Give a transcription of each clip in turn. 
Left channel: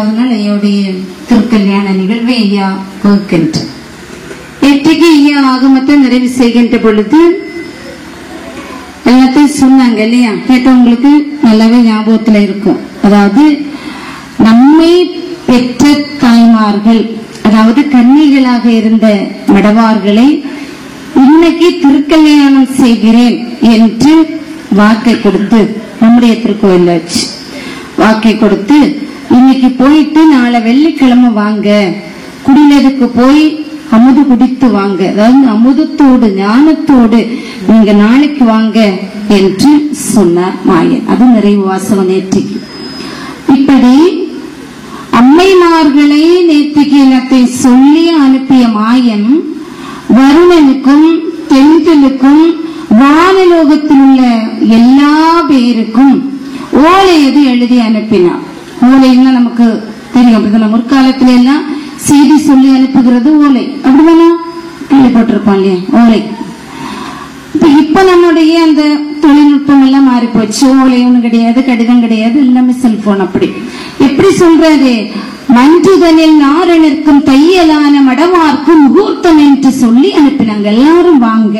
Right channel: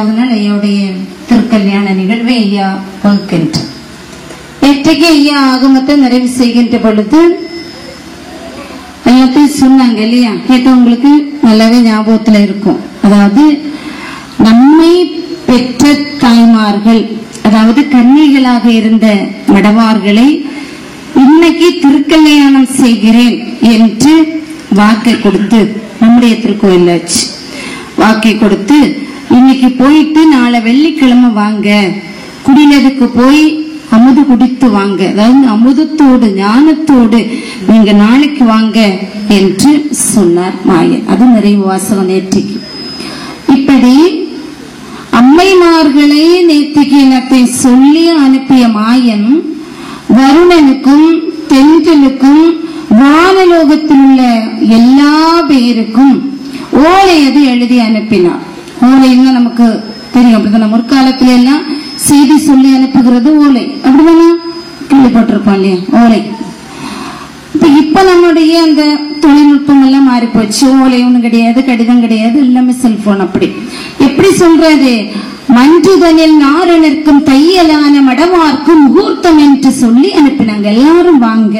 8வது நாள் ஐயாவுடைய திருக்கல்யாண நிகழ்வை ஐயா வகுக்கின்றார். நேற்றைக்கு ஐயா ஆகமத்தை நிறைவு செய்கின்ற பொழுது எல்லாத்தையும் சொன்னாங்க இல்லையா? நேற்று உங்களுக்கு நல்லாவே ஞாபகத்துல இருக்கும். அதாவது நம்மை பெற்ற தாய்மார்கள், அதாவது கன்னிகளாக இருந்த மடவார்களை இன்னைக்கு திருக்கல்யாணம் செய்கிறேன் என்று வாக்கை கொடுத்து, நம்முடைய திருக்கோயில வச்சு வாக்கை கொடுத்து, இன்னைக்கு போயிட்டு நாளை வெள்ளிக்கிழமை வாங்க, குடிநதுக்கு போய் அமுது குடித்து வாங்க, அதாவது அமுதத்தோடு ஞானத்தோடு நீங்க நாளைக்கு வாங்க என்று சொன்னார் மாயன். அது நிறைவு வாசகம் நேற்றுக்கு. இப்படி அம்மைமார்களே நேற்றுக்கு எல்லாத்தை சொல்லி அனுப்பிய மாயன் வருணனுக்கும் தென்றலுக்கும் வானலோகத்தில் உள்ள எல்லா பேருக்கும் ஓலையது எழுதி அனுப்பினார். ஓலைன்னா நமக்கு தெரியும், முற்காலத்துல எல்லாம் செய்தி சொல்லி அனுப்புகிறது ஓலை, அப்படிதானா? கேள்விப்பட்டிருப்போம் இல்லையா ஓலை. இப்ப நம்முடைய அந்த தொழில்நுட்பம் எல்லாம் மாறி போச்சு. ஓலை ஒண்ணு கிடையாது, கடிதம் கிடையாது, எல்லாமே செல்போன். அப்படி எப்படி சொல்றது? மன்றுதனில் நாரணர்க்கும் தையலான மடவார்க்கும் முகூர்த்தம் என்று சொல்லி அனுப்பினாங்க. எல்லாரும் வாங்க,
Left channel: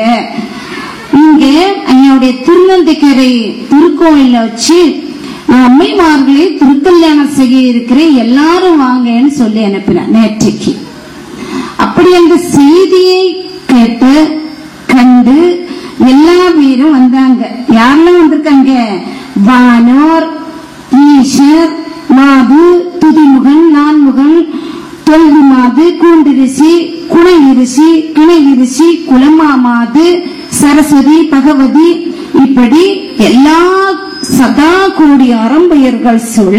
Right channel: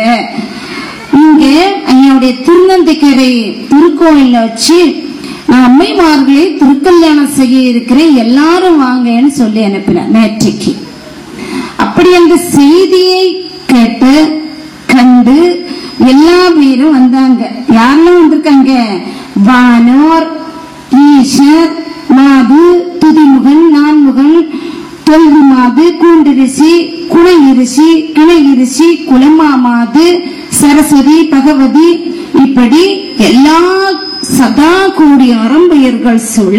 இங்க ஐயாவுடைய திருநந்திக்கரை திருக்கோயில வச்சு அம்மைமார்களே திருக்கல்யாணம் செய்ய இருக்கிறேன், எல்லாரும் வாங்கன்னு சொல்லி அனுப்பினார் நேற்றைக்கு. அப்படி அந்த செய்தியை கேட்டு கண்டு எல்லா பேரும் வந்தாங்க. யாரெல்லாம் வந்திருக்காங்க? வானோர், ஈஷர், மாது, துதிமுகன், நான்முகன், தொல்கு மாது, கூண்டிரிசி, குணையிரிசி, கிணையிரிசி, குலமாமாது, சரஸ்வதி, பகவதி, இப்படி எல்லா சதா கோடி அறம்பெயர்கள் சூழ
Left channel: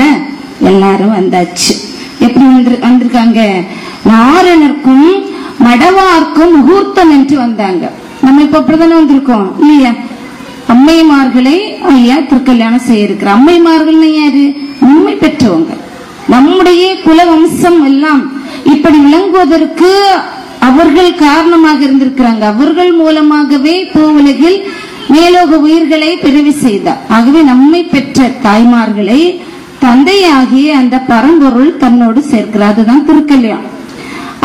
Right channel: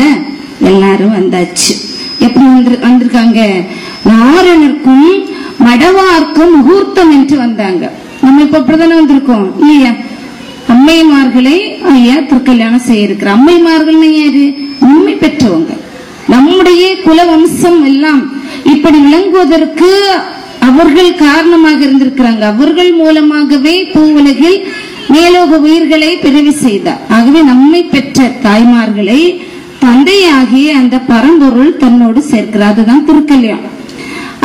எல்லாரும் வந்தாச்சு. எப்படி வந்திருக்காங்க? நாரணருக்கும் மடவார்க்கும் முகூர்த்தம் என்று வந்தாங்க. நம்ம இப்ப அப்படிதானே வந்திருக்கோம் இல்லையா? அம்மைமார்களை ஐயா திருக்கல்யாணம் செய்ய இருக்கிற அம்மைமார்கள் யாரு? உண்மை பெற்றவங்க. நம்முடைய குலவம்சம் எல்லாம் இப்படி விளங்குவதற்கு அவர்கள் காரணமாக இருந்திருக்கிறாங்க. அவர்கள் மூலமாகவே பூவுலகில் மேலோக உயிர்களை பிரிவு செய்தார். ஆகவே நம்மை பெற்ற தாய்மார்களை தந்தையாகிய அந்த பரம்பொருள் தன்னோடு சேர்க்கிறார். அதுதான் திருக்கல்யாணம்.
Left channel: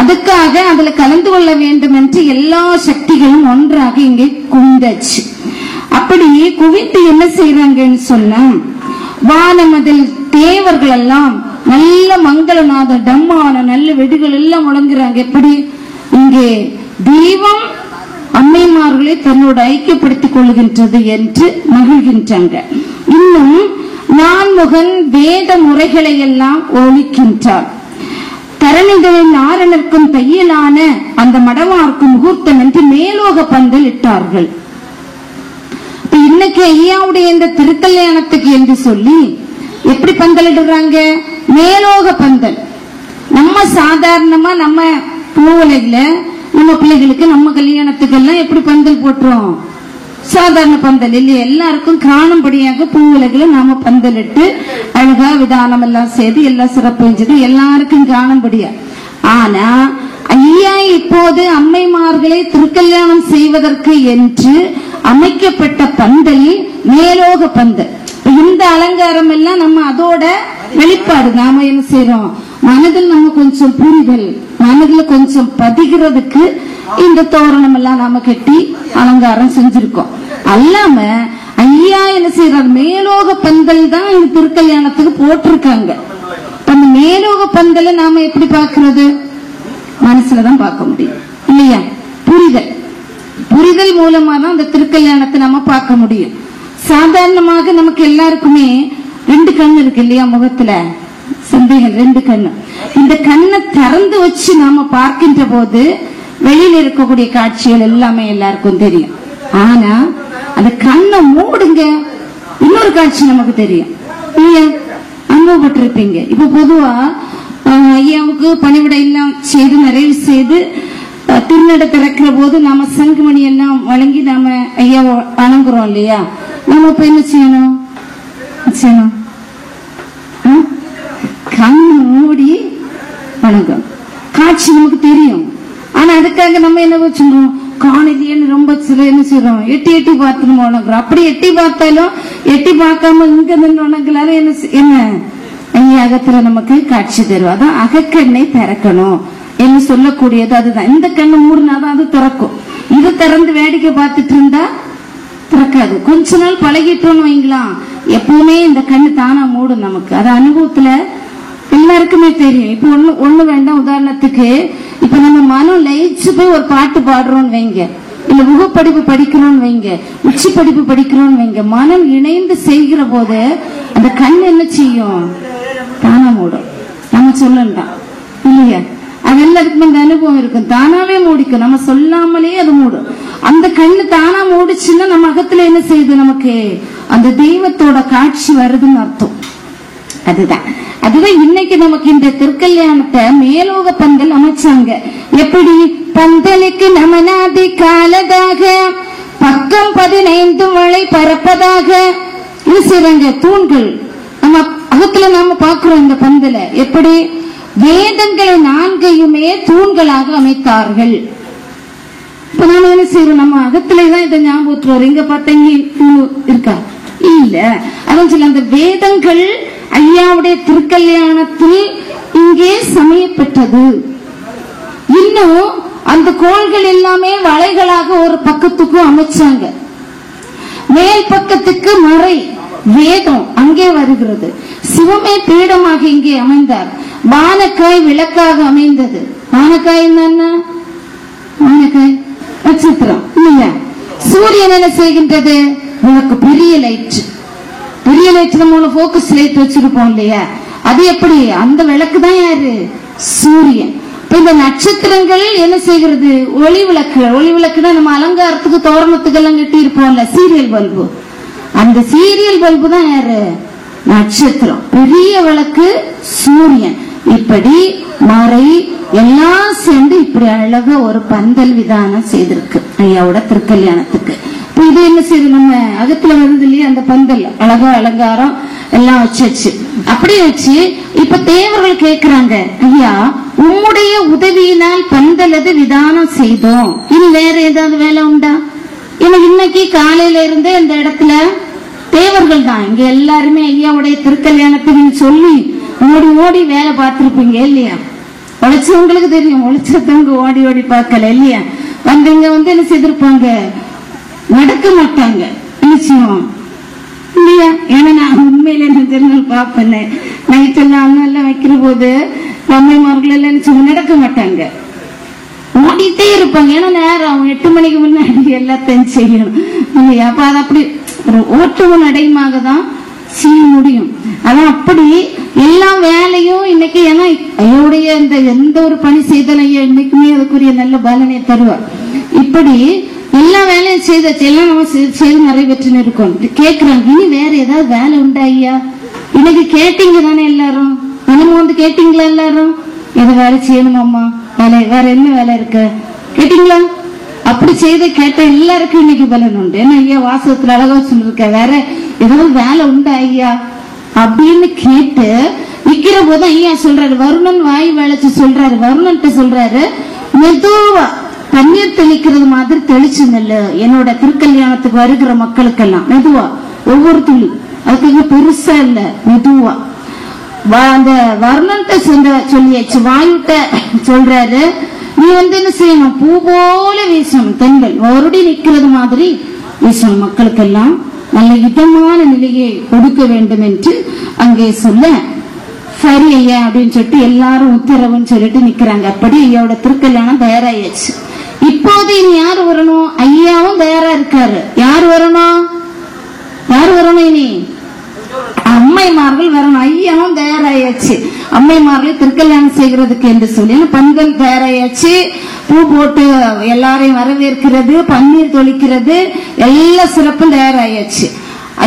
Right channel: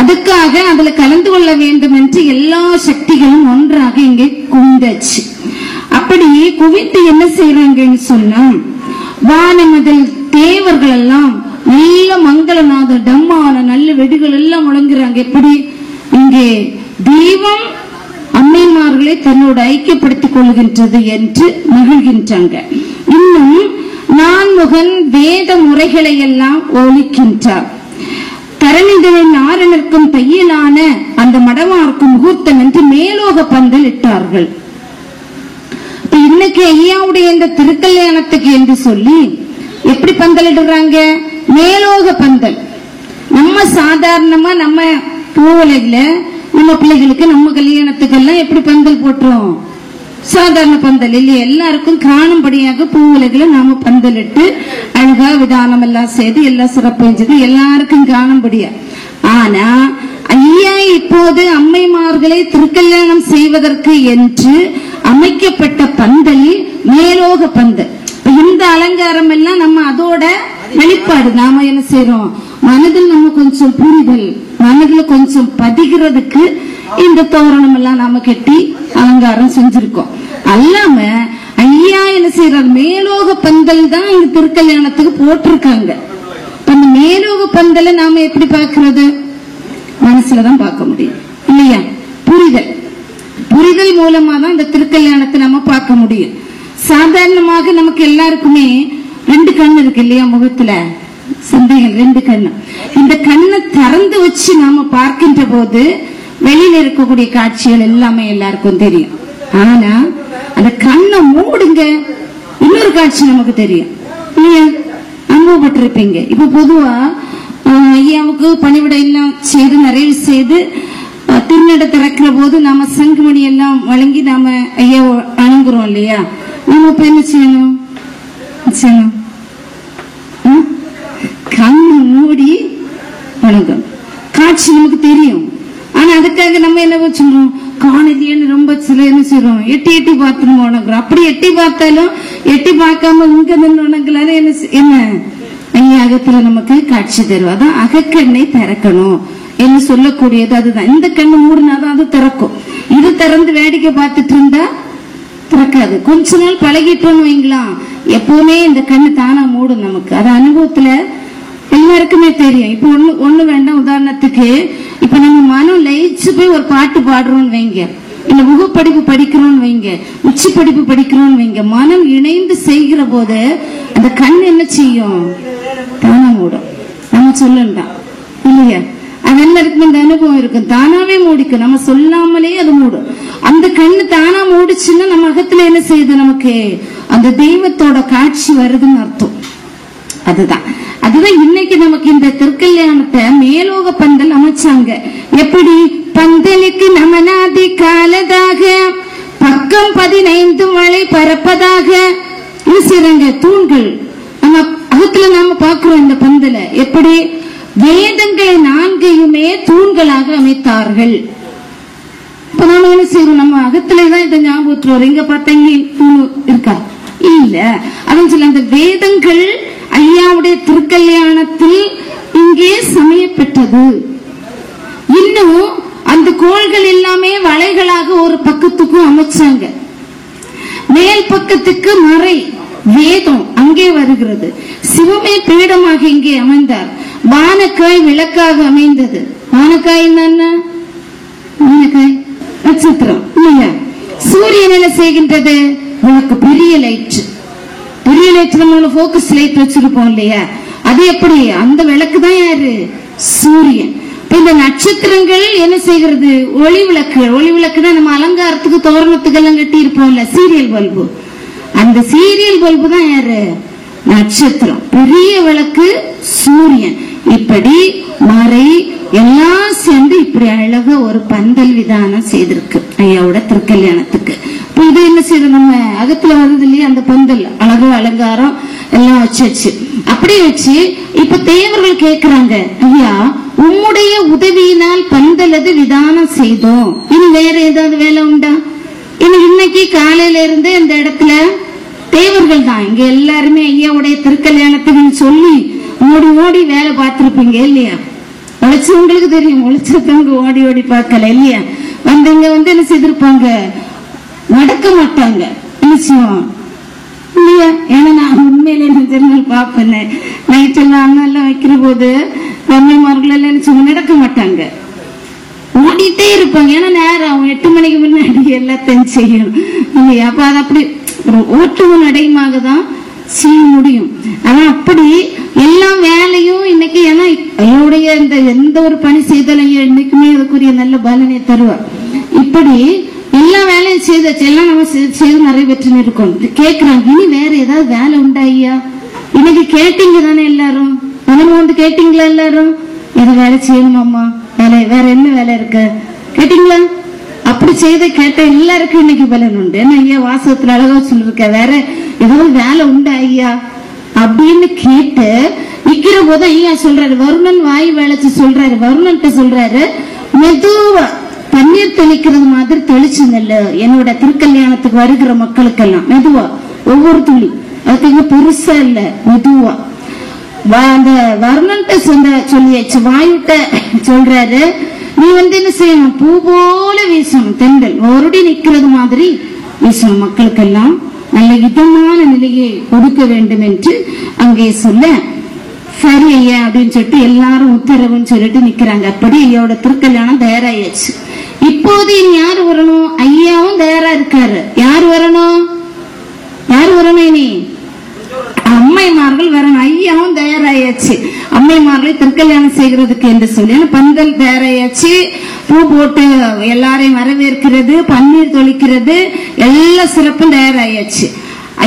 அதுக்காக அதுல கலந்து கொள்ள வேண்டும் என்று எல்லா சக்திகளும் ஒன்றாக இங்கே குந்தாச்சு. அப்படி குவித்து என்ன செய்யறாங்கன்னு சொன்னா, வானமதில் தேவர்கள் எல்லாம் நல்ல மங்களநாத டம்மான நல்ல வெடிகள் எல்லாம் முழங்குறாங்க. எப்படி? இங்கே தெய்வம் அம்மைமார்களை தன்னோடு ஐக்கியப்படுத்திக் கொள்கின்றது என்று மகிழ்கின்றாங்க. இன்னும் நான்முகன் வேத முறைகளை எல்லாம் ஒலிக்கின்றார். கரணிதனின் நாரணருக்கும் தையலான அந்த மடவார்க்கும் முகூர்த்தம் என்று மேலோக பந்தல் இட்டார்கள். இன்னைக்கு ஐயாவுடைய இந்த திருக்கல்யாணத்துக்கு என்று சொல்லி எப்படி பந்தல் இடுறாங்க? மேலோக பந்தல். நம்ம சாதாரணமா நம்ம பூவுலகில நம்ம பிள்ளைகளுக்கு நம்ம கல்யாணத்துக்கு எல்லாம் எப்படி பந்தல் போட்டுறோம்? சாதாரண பந்தல் இல்லையா? எல்லாருக்கும் காணும்படியாக பூவுலகில நாம பந்தல் இட்டு அழகா விதானம் எல்லாம் செய்து எல்லாம் சிறப்பு எல்லாருக்கும் காணும்படியா. ஆனா ஐயா இப்போது அம்மைமார்களை திருக்கல்யாணம் செய்வதற்கு என்று அமைக்கப்பட்ட பந்தல் மேலோக பந்தல். இந்த அலங்காரம் எல்லாம் நம்ம அதோட வெளிப்பாடு. நாம என்ன செய்யறோம்? மனதில் நம்ம கொஞ்சம் புரிதல், மனதில் கொஞ்சம் பதிகிறதுக்கு இந்த தோரணம் எல்லாம் நாம கட்டி அலங்காரம் செஞ்சிருக்கோம். அல்லாம ஐயா என்ன செய்யறாரு? மேலோக பந்தல் தான் இந்த திருக்கல்யாணத்துக்கு போட்டிருக்காங்க. அந்த மேலோக பந்தலை நாம எப்படி பாக்குறது? மனசுலதான் பார்க்க முடியும் இல்லையா? புரிதல், புரிதல் மூலமா தான் அந்த திருக்கல்யாணத்தை நம்ம பார்க்க முடியும். சாதாரணமாக நமக்கு எல்லாருக்குமே 2 கண்ணு இருக்கு இல்லையா? முகத்துல சிந்தைகள் 2 கண்ணு. இந்த கண்ணை திறந்து வச்சு நாம பார்க்கின்ற போது வெளியில இருக்கக்கூடிய காட்சிகள் எல்லாமே எல்லாருக்கும் தெரியும். ஆனா அந்த கண்ணை மூடுங்க, இன்னொரு காட்சி நமக்கு தெரியும் இல்லையா? அனுபவப்பட்டிருப்பீங்க. இப்ப பொதுவா ஐயாவுக்கு பணிவிடை எல்லாம் செய்து நிறைவு செய்து திருநட திறக்கிற போது நாம சங்குமணி எல்லாம் வழங்கி நாம ஐயா வணங்குறோம் இல்லையா? நம்ம இப்ப என்ன செய்யணும்? கண்ணு மூடி வணங்கும். காட்சி நமக்கு தெரியும். ஆனா அதுக்காக நம்ம என்ன வச்சுக்கணும்? காணலியன்னு ரொம்ப சில என்ன செய்யறோம்? எட்டி எட்டி பார்த்துன்னு வணங்குறோம். அப்படி எட்டி பார்த்தாலும் எட்டி பார்க்காம இங்க நின்று வணங்கலான்னு என்ன மெய்யகத்துல நமக்கு காட்சி தரும். அதான் அகக்கண்ணை திறக்கணும் என்று சொல்லக்கூடியது அதுதான். இந்த கண்ணு மூடினாதான் அது திறக்கும். இது திறந்து வேடிக்கை பார்த்துட்டு இருந்தா திறக்காது. கொஞ்ச நாள் பழகிட்டோம்னு வைங்களாம், எப்பவுமே இந்த கண்ணு தானா மூடும் நமக்கு. அது அனுபவத்துல எல்லாருக்குமே தெரியும். இப்ப ஒண்ணு வேண்டாம், உதாரணத்துக்கு இப்ப நம்ம மனம் லயிச்சு போய் ஒரு பாட்டு பாடுறோம்னு வைங்க, இல்ல முகப்படிப்பு படிக்கணும்னு வைங்க, உச்சி படிப்பு படிக்கணும்னு வைங்க, மனம் இணைந்து செய்கிற போது அந்த கண் என்ன செய்யும்? தானா மூடும். நம்ம சொல்லலாம் இல்லையா? அது எல்லாருக்குமே இந்த அனுபவம் இருக்கும். தானாவே மூடிக்கும், நம்ம சொல்லாமலே அது மூடும். அந்த கண்ணு தானா மூடிச்சுன்னா நம்ம அகத்துல என்ன செய்யுது? நமக்கு அந்த தெய்வத்தோட காட்சி வருதுன்னு அர்த்தம். அதுதான் இன்னைக்கு நமக்கு இந்த திருக்கல்யாணத்தை மேலோக பந்தல் அமைச்சாங்க. எப்படி? பந்தலுக்கு நமனாதி காலதாக பக்கம் 15 மழை பரப்பதாக இது செய்றாங்க. தூண்கள் நம்ம அகத்துல நாம பாக்குறோம். இந்த பந்தல எப்படி வேதங்களை 4யுமே தூண்களாக அமைத்தார்கள். இப்ப நாம என்ன செய்யறோம்? நம்ம அகத்துலதான் இதை ஞாபகத்துல வரும். இங்க பார்த்தீங்க இருக்கா? இல்ல. அதான் சொல்ல, அந்த வேதங்கள் ஐயாவுடைய திருக்கல்யாணத்தில் இங்கே சமயப்பெற்றது. இன்னும் அந்த கோள்கள் எல்லாமே வளைகளாக ஒரு பக்கத்துக்கும் அமைச்சாங்க. மேல் பக்கத்துக்கு மறை வேதம் அங்கே வருகிறது. சிவமே பீடமாக இங்கே அமைந்தார். வானக்காய் விளக்காக அமைந்தது. வானக்காய் என்ன? வானக்காய் நட்சத்திரம் இல்லையா? சூரியன் என்ன செய்கின்றது? விளக்கு. பெரிய லைட், பெரிய லைட்ல 3 போக்கஸ் லைட் வச்சிருப்போம் இல்லையா? அது எப்படி? அந்த விளக்கு தான் யாரு? சூரியன். இந்த நட்சத்திரங்கள் என்ன செய்கிறது? ஒளி விளக்கு. ஒளி விளக்கு தான் நம்ம அலங்காரத்துக்கு தோரணத்துக்கு எல்லாம் கட்டி இருப்போம்ல, சீரியல் பல்பு. அந்த சீரியல் பல்பு தான் யாரு? நட்சத்திரம். பெரிய விளக்கு சூரியன். இப்படி மறை எல்லாம் சேர்ந்து இப்படி அழகா ஒரு பந்தல் விதானம் செய்திருக்கு ஐயாவோட திருக்கல்யாணத்துக்கு. இது என்ன செய்யுது? நம்ம அகத்துல வருது இல்லையா? அந்த பந்தல் அழகா அலங்காரம் எல்லாம் வச்சாச்சு. அப்படி வச்சு இப்ப தேவர்கள் கேக்குறாங்க, ஐயா உம்முடைய உதவியினால் பந்தலது விதானம் செய்தோம், இது வேற ஏதாவது வேலை உண்டா? இன்னைக்கு காலையில இருந்து இந்த இடத்துல தேவர்கள் தான். இங்க எல்லாருமே ஐயாவுடைய திருக்கல்யாணத்துக்கு சொல்லி ஓடி ஓடி வேலை பார்த்திருப்பீங்க இல்லையா? உழைச்சவங்களுக்கு தெரியும், உழைச்சவங்க ஓடி ஓடி பார்க்கல இல்லையா? வந்தவங்க என்ன செய்திருப்பாங்க? நடக்க மாட்டாங்க நிச்சயம் இல்லையா? ஏன்னா நான் உண்மையில நிஜங்கள் பாப்பேன். நைட் எல்லாம் அண்ணெல்லாம் வைக்கிற போது பொம்மைமார்கள் எல்லாம் நடக்க மாட்டாங்க, ஓடிட்டே இருப்பாங்க. ஏன்னா நேரம் 8 மணிக்கு முன்னாடி எல்லாத்தையும் செய்யணும் இல்லையா? அப்ப அது அப்படி ஒரு ஓட்டுவ நடைமாக தான் செய்ய முடியும். அதான் அப்படி எல்லா வேலையும் இன்னைக்கு, ஏன்னா ஐயோடைய இந்த எந்த ஒரு பணி செய்தாலும் ஐயா இன்னைக்குமே அதுக்குரிய நல்ல பலனை தருவார். இப்படி எல்லா வேலையும் செய்தாச்சு, எல்லாம் நம்ம செய்து நிறைவேற்று இருக்கோம். கேட்கிறாங்க, இனி வேற ஏதாவது வேலை உண்டா ஐயா? இன்னைக்கு கேட்டீங்க தானே எல்லாரும்? நம்ம கேட்டீங்களா எல்லாரும்? எதை வேலை செய்யணுமாம்மா? வேலை வேற என்ன வேலை இருக்கு கேட்டீங்களா? அப்படி செய்த கேட்ட எல்லாருக்கும் இன்னைக்கு பலன் உண்டு. ஏன்னா ஐயா வாசகத்துல அழகா சொல்லிருக்க, வேற ஏதாவது வேலை உண்டா ஐயா அப்படின்னு கேட்டு நிக்கிற போது ஐயா சொல்றாரு, வருணன் வாய் வேலைச்சு சொல்றாரு. வருணன் சொல்றாரு, மெதுவா தண்ணீர் தெளிக்கிறது மாதிரி தெளிச்சுங்கல்ல என்னோட திருக்கல்யாணத்துக்கு வருகிற மக்களுக்கெல்லாம். மெதுவா ஒவ்வொரு துளி, அதுக்கு பெருசா இல்ல, மெதுவா. அந்த வருணன்ட்ட சொல்லியாச்சு. வாயுட்ட சொல்றாரு, நீ என்ன செய்யணும்? பூ போல வீசணும், தென்றல் வருடி நிக்கிறது மாதிரி வீசணும், மக்களுக்கெல்லாம் நல்ல இதமான நிலையை கொடுக்க வேண்டும் என்று அங்கே சொல்ல, சரி ஐயா அப்படின்னு சொல்லிட்டு எல்லாரும் உத்தரவுன்னு சொல்லிட்டு நிக்கிறாங்க. அப்படி ஐயாவோட திருக்கல்யாணம் தயாராயாச்சு. இப்போது யாரு வரணும்? ஐயாவும் தயாரா இருக்காரு. யாரு வரணும்? யாரு வரணும்? இனி அம்மைமார்கள் வரணும். ஐயாவும் தயாராயாச்சு. அம்மைமார்களை திருக்கல்யாணம் செய்கிறதுக்கு என்று சொல்லி பந்தல் தயாராயாச்சு. பூ போட்டு எல்லாரையும் வரவேற்கிறது, பன்னீர் தொளிக்கிறது, எல்லா சிறப்பும் தயாராயாச்சு.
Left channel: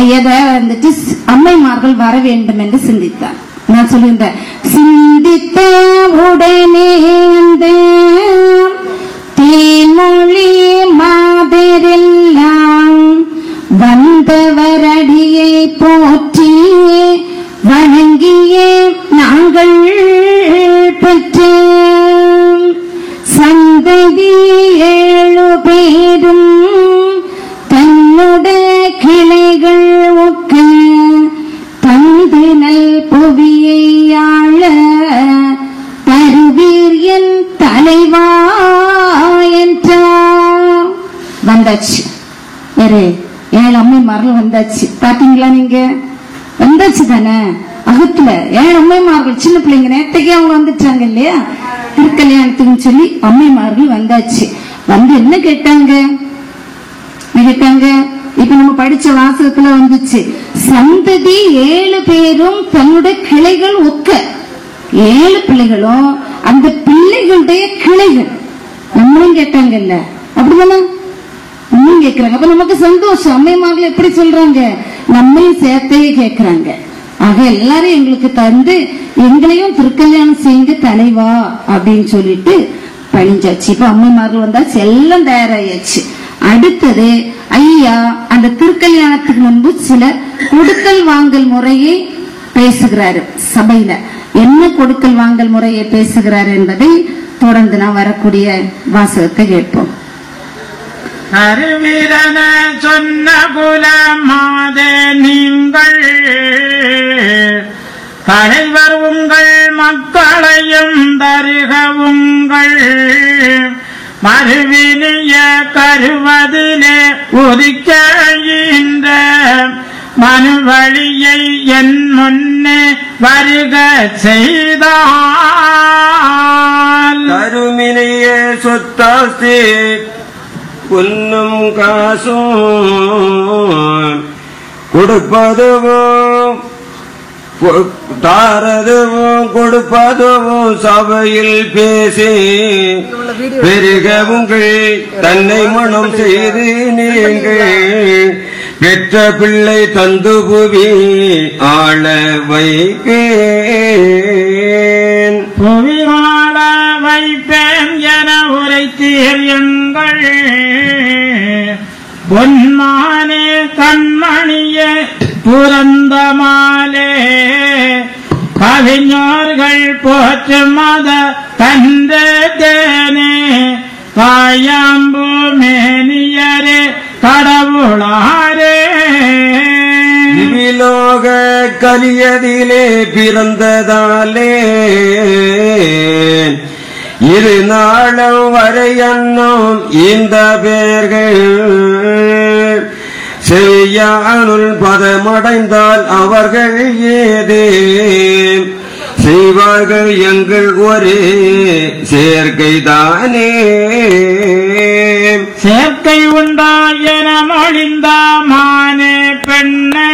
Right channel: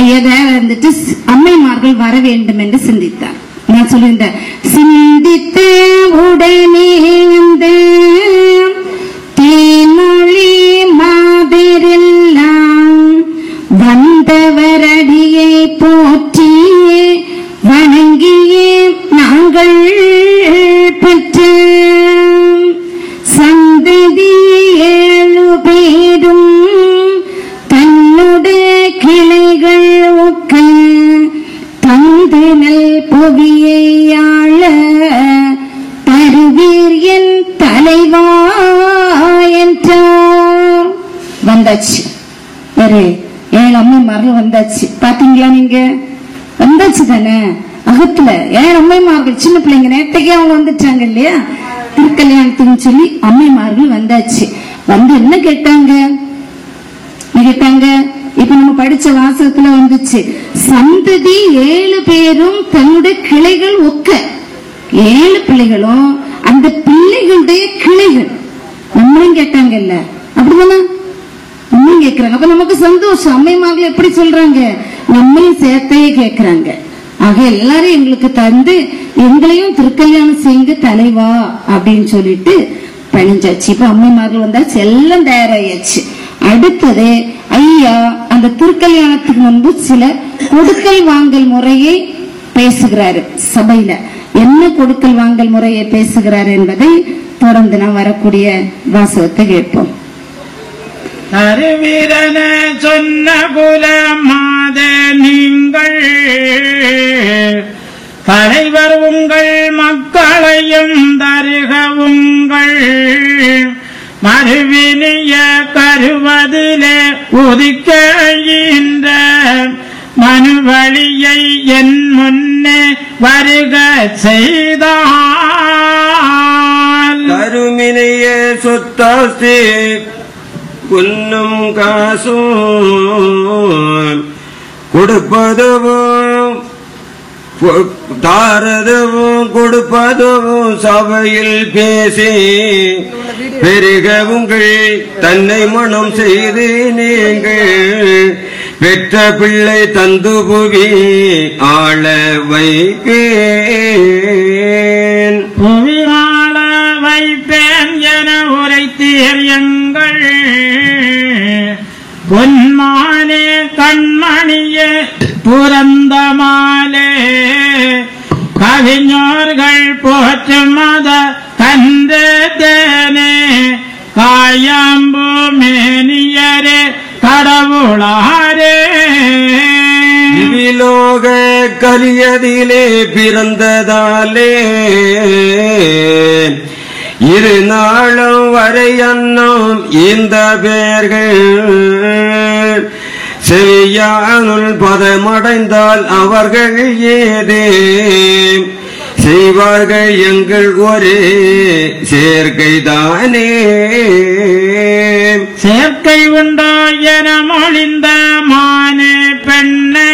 ஐயா தயாரா இருந்துட்டு அம்மைமார்கள் வர வேண்டும் என்று சிந்தித்தார். நான் சொல்லியிருந்தேன், சிந்தித்த உடனே அந்த தேன்மொழி மாதரெல்லாம் வந்தவரடியை போற்றி வணங்கியே நாங்கள் பெற்ற சந்ததி 7 பேரும் தன்னுடைய கிளைகள் ஒக்க தந்து நல் புவியை ஆள தருவீர் என் தலைவா என்றார். வந்தாச்சு, வேறு 7 அம்மைமார்கள் வந்தாச்சு. பாத்தீங்களா, நீங்க வந்தாச்சு தானே. அகத்துல 7 அம்மைமார்கள், சின்ன பிள்ளைங்க நேற்றைக்கே அவங்க வந்துட்டாங்க இல்லையா, திருக்கல்யாணத்துக்கு சொல்லி அம்மைமார்கள் வந்தாச்சு. வந்து என்ன கேட்டாங்க? இப்ப நம்ம படிச்ச வாசகத்துல வந்துச்சு, சந்ததி 7 பேரும் தன்னுடைய கிளைகள் ஒக்க. 7 பிள்ளைகளும் அந்த பிள்ளைகளுடைய கிளைகள். நம்மளும் கேட்டாங்கல்ல, அப்படிதானே நம்மளும் கேட்கிறாங்க. அப்ப நமக்கு சந்தோஷம். அம்மைமார்கள் எப்படி சொல்றாங்க? நம்மையும் சேர்த்தையே கேட்கிறாங்க. ஆக எல்லாரும் எங்களுக்கு தந்து எங்களையும் திருக்கல்யாணம் செய்யுங்க தலைவா அப்படின்னு சொல்லிட்டு பணிஞ்சாச்சு. இப்ப அம்மைமார்கள் வந்தாச்சு, எல்லாம் தயாராயாச்சு. அடுத்தது ஐயா அந்த திருக்கல்யாணத்துக்கு முன்பு சில கொடுக்கல் வாங்கல் முறையை பேசுகிறாரு சபையில. என்ன கொடுக்கல் வாங்கல் முறையை பேசுகிறார் என்பதை தொடர்ந்து நாம் வரக்கூடிய வாசகத்தை கேட்போம். அறிவீரன சொன்ன குலமாத நீங்கள் தலைவர் உங்கள் மக்களையும் தருக உங்கள் மறுவினிய கருவதிலே உதிக்கின்ற மனு வழியை என் முன்னே வருக செய்தால் கருமினைய சொத்தாஸ்தி பொன்னும் காசும் கொடுப்பதுவும் தாரதுவும் கொடுப்பதுவும் சபையில் பேசி பெருக உங்கள் தன்னை மனம் செய்து நீங்கள் பெற்ற பிள்ளை தந்து புவி ஆள வைப்பேன். புவி ஆள வைப்பேன் என உரைத்தீர் எங்கள் பொன்மானே கண்மணியே புரந்தமாலே கவிஞர்கள் போற்று மத கந்தேனே காயாம்பு மேனியரே கடவுளாரே. இவிலோக கலியதிலே பிறந்ததாலே இரு நாளும் வரை அன்னும் இந்த பேர்கள் செவியானுள் பதமடைந்தால் அவர்கள் ஏதே செய்வார்கள் எங்கள் ஒரே சேர்க்கைதானே. சேர்க்கை உண்டாயன மொழிந்த மானே பெண்ணே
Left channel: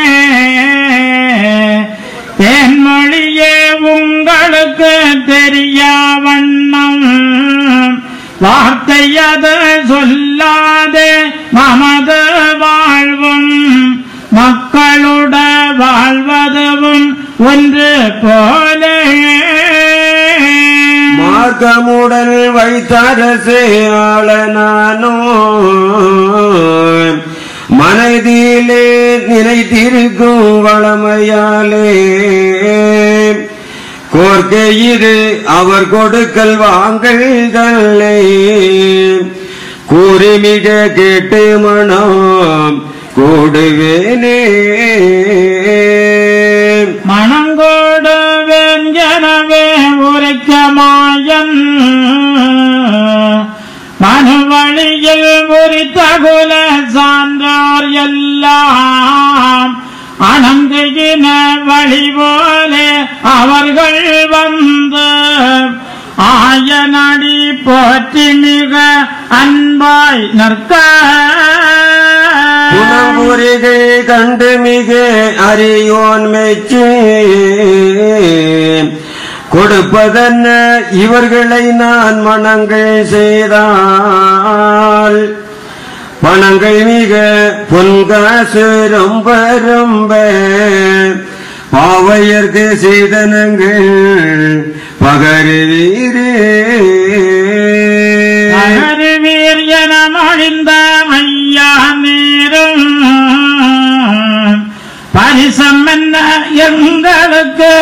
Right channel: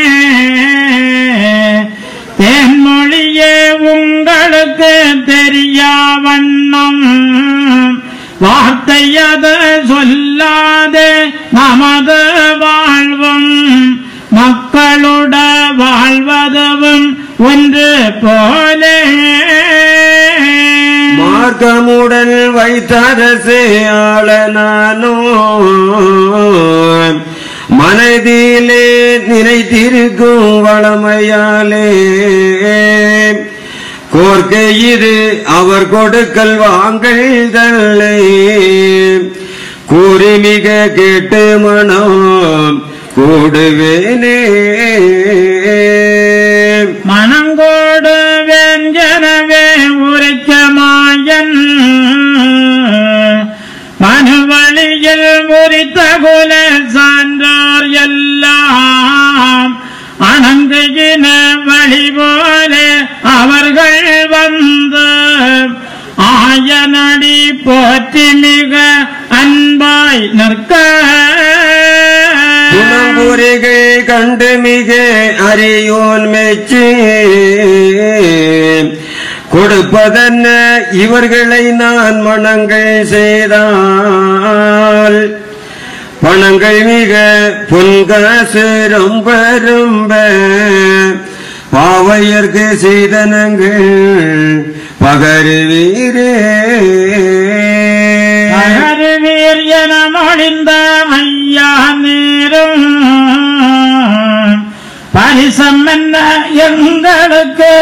தேன்மொழியே உங்களுக்கு தெரியா வண்ணம் வார்த்தையத சொல்லாதே நமது வாழ்வும் மக்களுட வாழ்வதும் ஒன்று போல மார்க்கமுடன் வைத்தரசே ஆள நானோ மனதிலே நினைத்திருக்கும் வளமையாலே கோர்க்கை இது அவர் கொடுக்கல் வாங்கல்களை கூறி மிக கேட்டு மனம் கூடுவேனே. மனங்கோடுவேன் எனவே உரைக்க மாயன் மனுவழியில் உரித்தகுல சான்றோர் எல்லாம் அனந்துகின வழி போல அவர்கள் வந்து ஆயனடி போற்றி மிக அன்பாய் நிற்க குணமுறைகள் கண்டு மிக அறியோன் மெச்சி கொடுப்பதென்ன இவர்களை நான் மனங்கள் செய்தால் பணங்கள் மிக பொன்காசு ரொம்ப ரொம்ப பாவையர்க்கு செய்தனங்கள் பகருவீரே. பகருவீர் என மழிந்த ஐயா நேரும் பரிசம் என்ன எங்களுக்கு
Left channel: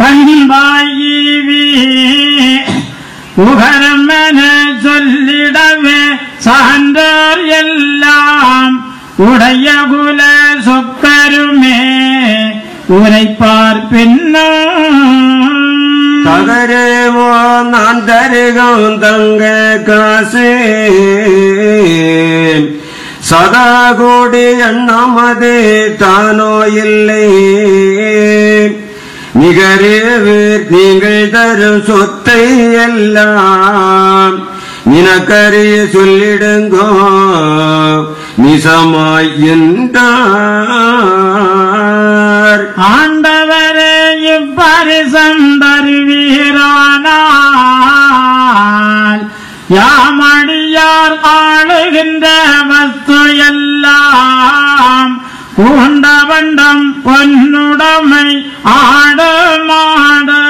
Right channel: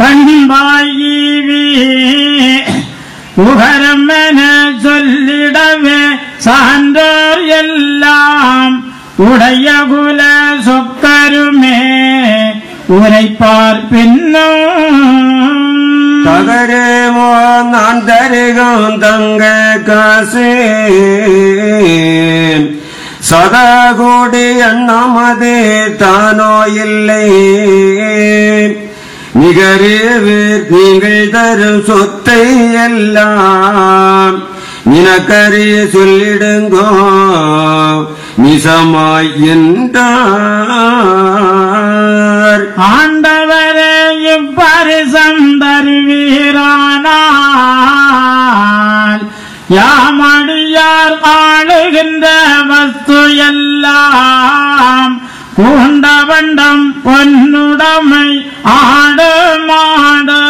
பண்பாயீவி உகரம் என சொல்லிடவே சான்றோர் எல்லாம் உடைய குல சொக்கருமே உரைப்பார் பின்னும் தகரேமோ நான் தருகும் தங்க காசு சதா கோடி எண்ணமது தானோ இல்லை நிகரேவே நீங்கள் தரும் சொத்தை எல்லாம் நினக்கரிய சொல்லிடுங்கோ நிசமாய் என்றார். ஆண்டவரே இப்பரிசம் தருவீரானால் யாமடியார் ஆளுகின்ற வஸ்து எல்லாம் பூண்டவண்டம் பொன்னுடைமை ஆடு மாடு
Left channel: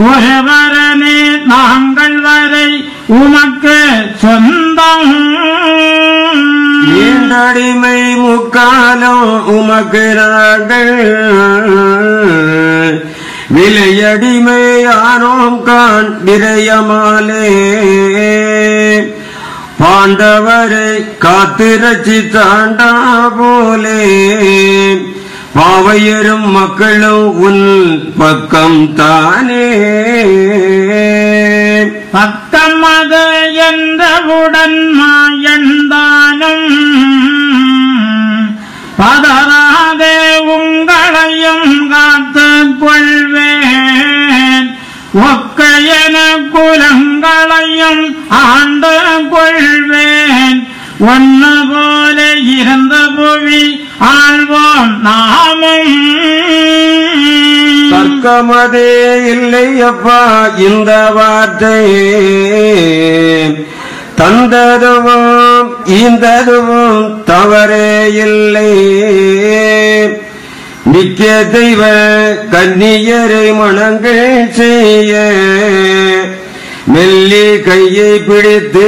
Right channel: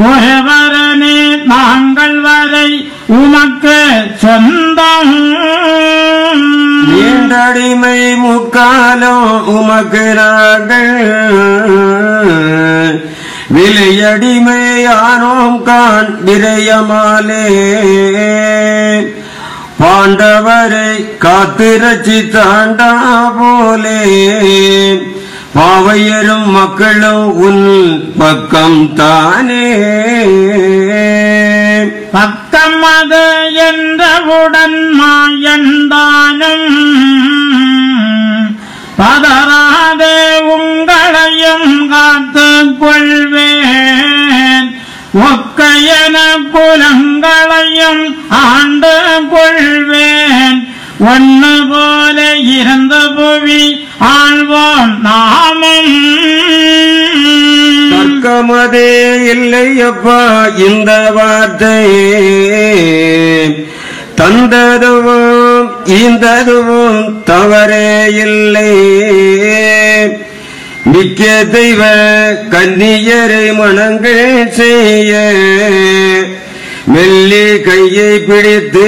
குறவரனே நாங்கள் வரை உனக்கு சொந்தம். ஈண்டடிமை முக்காலம் உமக்கு நாங்கள் விலையடிமை ஆனோம் கான் விரயமாலே பாண்டவரை காத்திரட்சி தாண்டா போலே பாவையரும் மக்களும் உன் பக்கம் தானே. பக்கம் அது என்றவுடன் மாயந்தானும் பதறாதே உங்களையும் காத்துக் கொள்வேன் ஒக்கையன குலங்களையும் ஆண்டு கொள்வேன் ஒன்னு போல இருந்த புவி ஆழ்வோம் நாமும். தர்க்கமதே இல்லை அப்பா இந்த வார்த்தை தந்ததுவும் ஈந்ததுவும் தவறே இல்லை மிக்க தெய்வ கன்னியரை மனங்கள் செய்ய மெல்லி கையை பிடித்து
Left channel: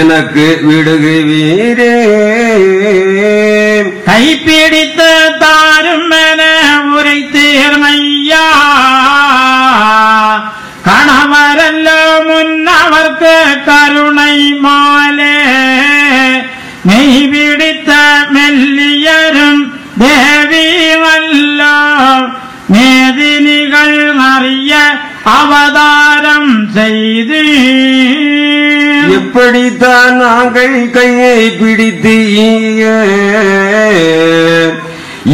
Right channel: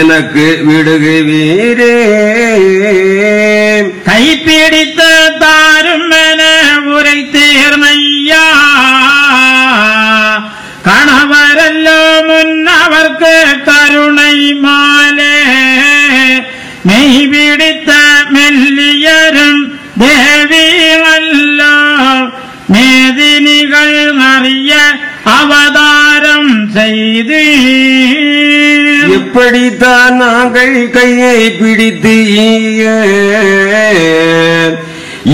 எனக்கு விடுகுவீரே. கைப்பிடித்து தாரும் என உரைத்தீர்மையா கணவரல்லோ முன்னவர்க்கு கருணை மாலே மெய் பிடித்த மெல்லியரும் தேவி வல்லோ மேதினிகள் அறிய அவதாரம் செய்து இப்படித்தான் நாங்கள் கையை பிடித்து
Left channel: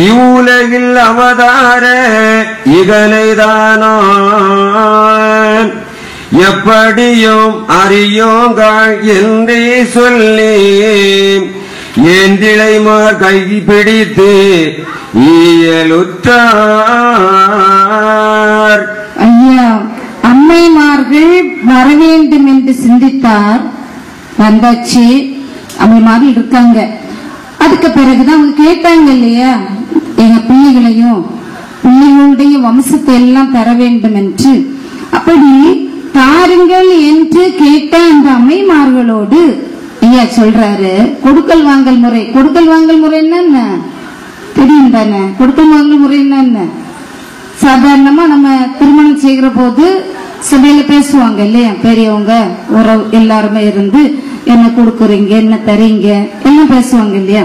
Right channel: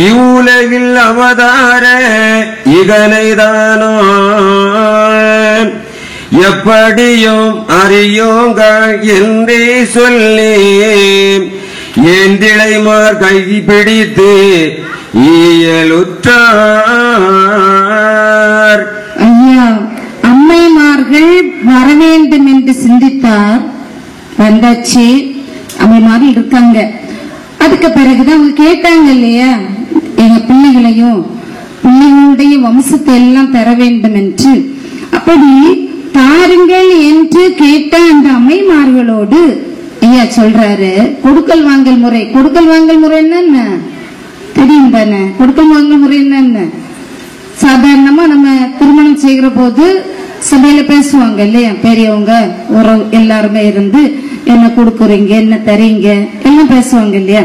இவ்வுலகில் அவதார இதனைதானோ எப்படியும் அறியோங்கள் என்றே சொல்லி ஏந்திழைமார் கை பிடித்து இயலுற்றார். ஐயா, அம்மைமார்கள் வர வேண்டும் என்று சிந்தித்தார். வந்தாச்சு, அம்மைமார்கள் இருக்காங்க. அதுக்கு பிறகுதான் அவங்க கேட்டாங்க இல்லையா, எங்க பிள்ளைகளையும் பிள்ளைகளுடைய வம்சத்தை எல்லாம் தர வேண்டும் என்று. அப்படி தாருங்கள் என்று கேட்ட அந்த அம்மைமார்களோடு ஐயா சொல்றாரு, கொடுக்கல் வாங்கல் முறை. கொடுக்கல் வாங்கல் முறை என்னென்ன தெரியும் தானே? கொடுக்கல் வாங்கல் முறை என்னென்ன? சாதாரணமா நம்ம திருமணம் செய்கிற போது சபையில பேசுவாங்க இல்லையா, பெரியவங்க எல்லாருமே இருந்து என்ன கொடுக்குறீங்க, என்ன தரீங்க எல்லாம் பேசுவாங்க இல்லையா.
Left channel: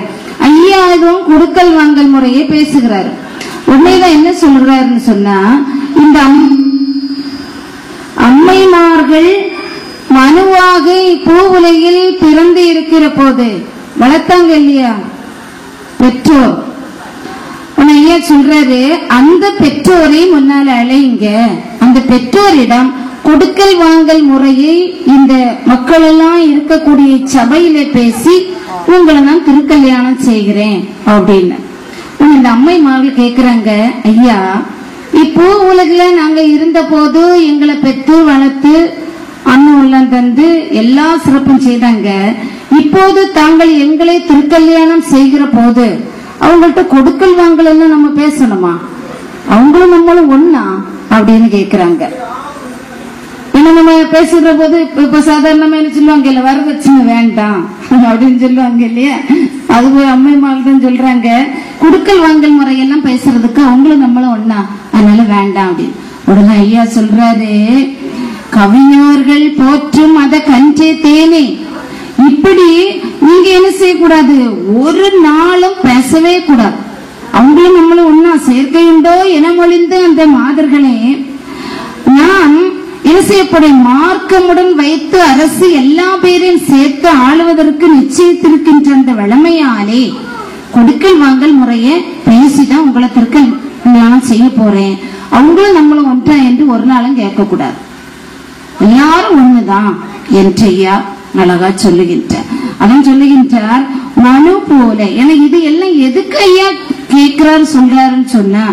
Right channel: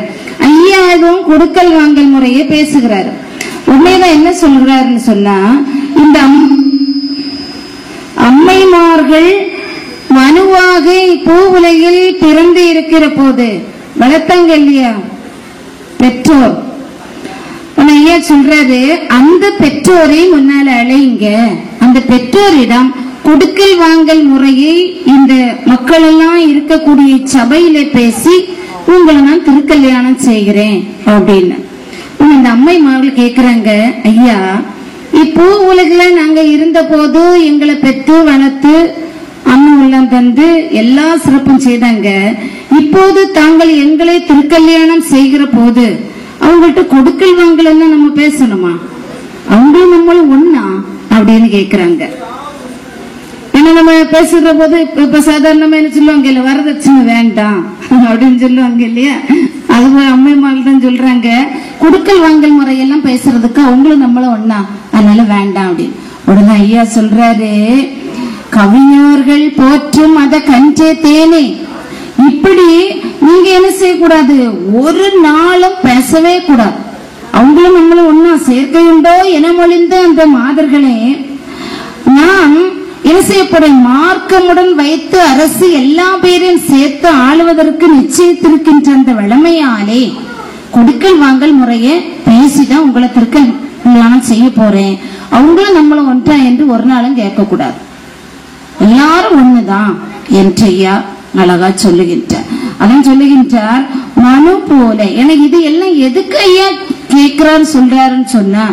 ஐயா எதுவும் கொடுக்கல் வாங்கல் முறையே பேசுகிறாரு. உடனேதான் என்ன சொல்கிறாருன்னு சொன்னா, இந்த அம்மைமார்கள் மனுவாக பூ உலகில் பிறந்து இருக்கிற போது வளர்த்தாங்க இல்லையா பெற்றோர். ஐயா சொல்றாரு, அந்த பெற்றோரை முன்னால அழைங்க, அந்த பெற்றோரிடம் கொடுக்கல் வாங்கல் முறையை இந்த மக்கள் எல்லாம் இருக்கக்கூடிய சபையில பேசி உங்களை நான் திருக்கல்யாணம் செய்கிறேன் அப்படின்னு. இந்த அம்மைமார்கள் கேக்குறாங்க, ஐயா இப்போ உலகில நாங்க இருந்த போது எங்களை பெற்று வளர்த்து அண்ணன் உள்ளம் தந்து எல்லா சிறப்பும் செய்தாங்க. இப்போது தாங்கள் எங்களை திருக்கல்யாணம் செய்கிற போது அவங்கள்ட்ட கொடுக்கல் வாங்கல் எல்லாம் நம்ம பேசணுமா? அவங்களும் நம்மளும் ஒன்னா அப்படின்னு கேக்குறாங்க. ஏன்னா நம்ம பேசுற போது இப்ப சாதாரணமா என்ன சொல்லுவாங்க, இல்ல வரதட்சணை வேண்டாம் அப்படின்னு சொல்லுவாங்க இல்லையா. அது அம்மைமார்கள் சொல்றாங்க, கொடுக்கல் வாங்கல் முறையெல்லாம் பேசுறதுக்கு அவங்களும் நம்மளும் ஒன்னா, அதனால வேண்டாம் அப்படின்னு. உடனே ஐயா சொல்றாரு, கவிஞர்கள் போற்றும் அத கஞ்சே தேனே, இப்படி நீங்க என்ன செய்யக்கூடாது, ஒரு நாளும் பேசவே கூடாது. அவங்களும் நம்மளும் ஒன்னா சேர்க்கையுண்டோ என மொழிந்த அந்த மாதர்களே, நாம் என்ன செய்யப்படும் மார்க்கமுடன் வைத்து அரசு எல்லா பேரையும் சேர்த்து ஆளுவதற்கு நிச்சயித்திருக்கின்ற அந்த வளமையாலே கொடுக்கல் வாங்கல் முறையை பேசிதான் உங்களை திருக்கல்யாணம் செய்ய போறேன், அவங்களும் நம்மளும் ஒன்றா என்று ஒரு நாளும் கேட்க கூடாது, எல்லாரும் ஒண்ணுதான் என்று ஐயா அழகா சொல்லுகின்றார். அதான் சொல்லுகின்றார், மனு போல. எனக்கு இது எல்லாம் எதுக்கு ஐயா கேட்கிறாரு சொல்றாருன்னு சொன்னா,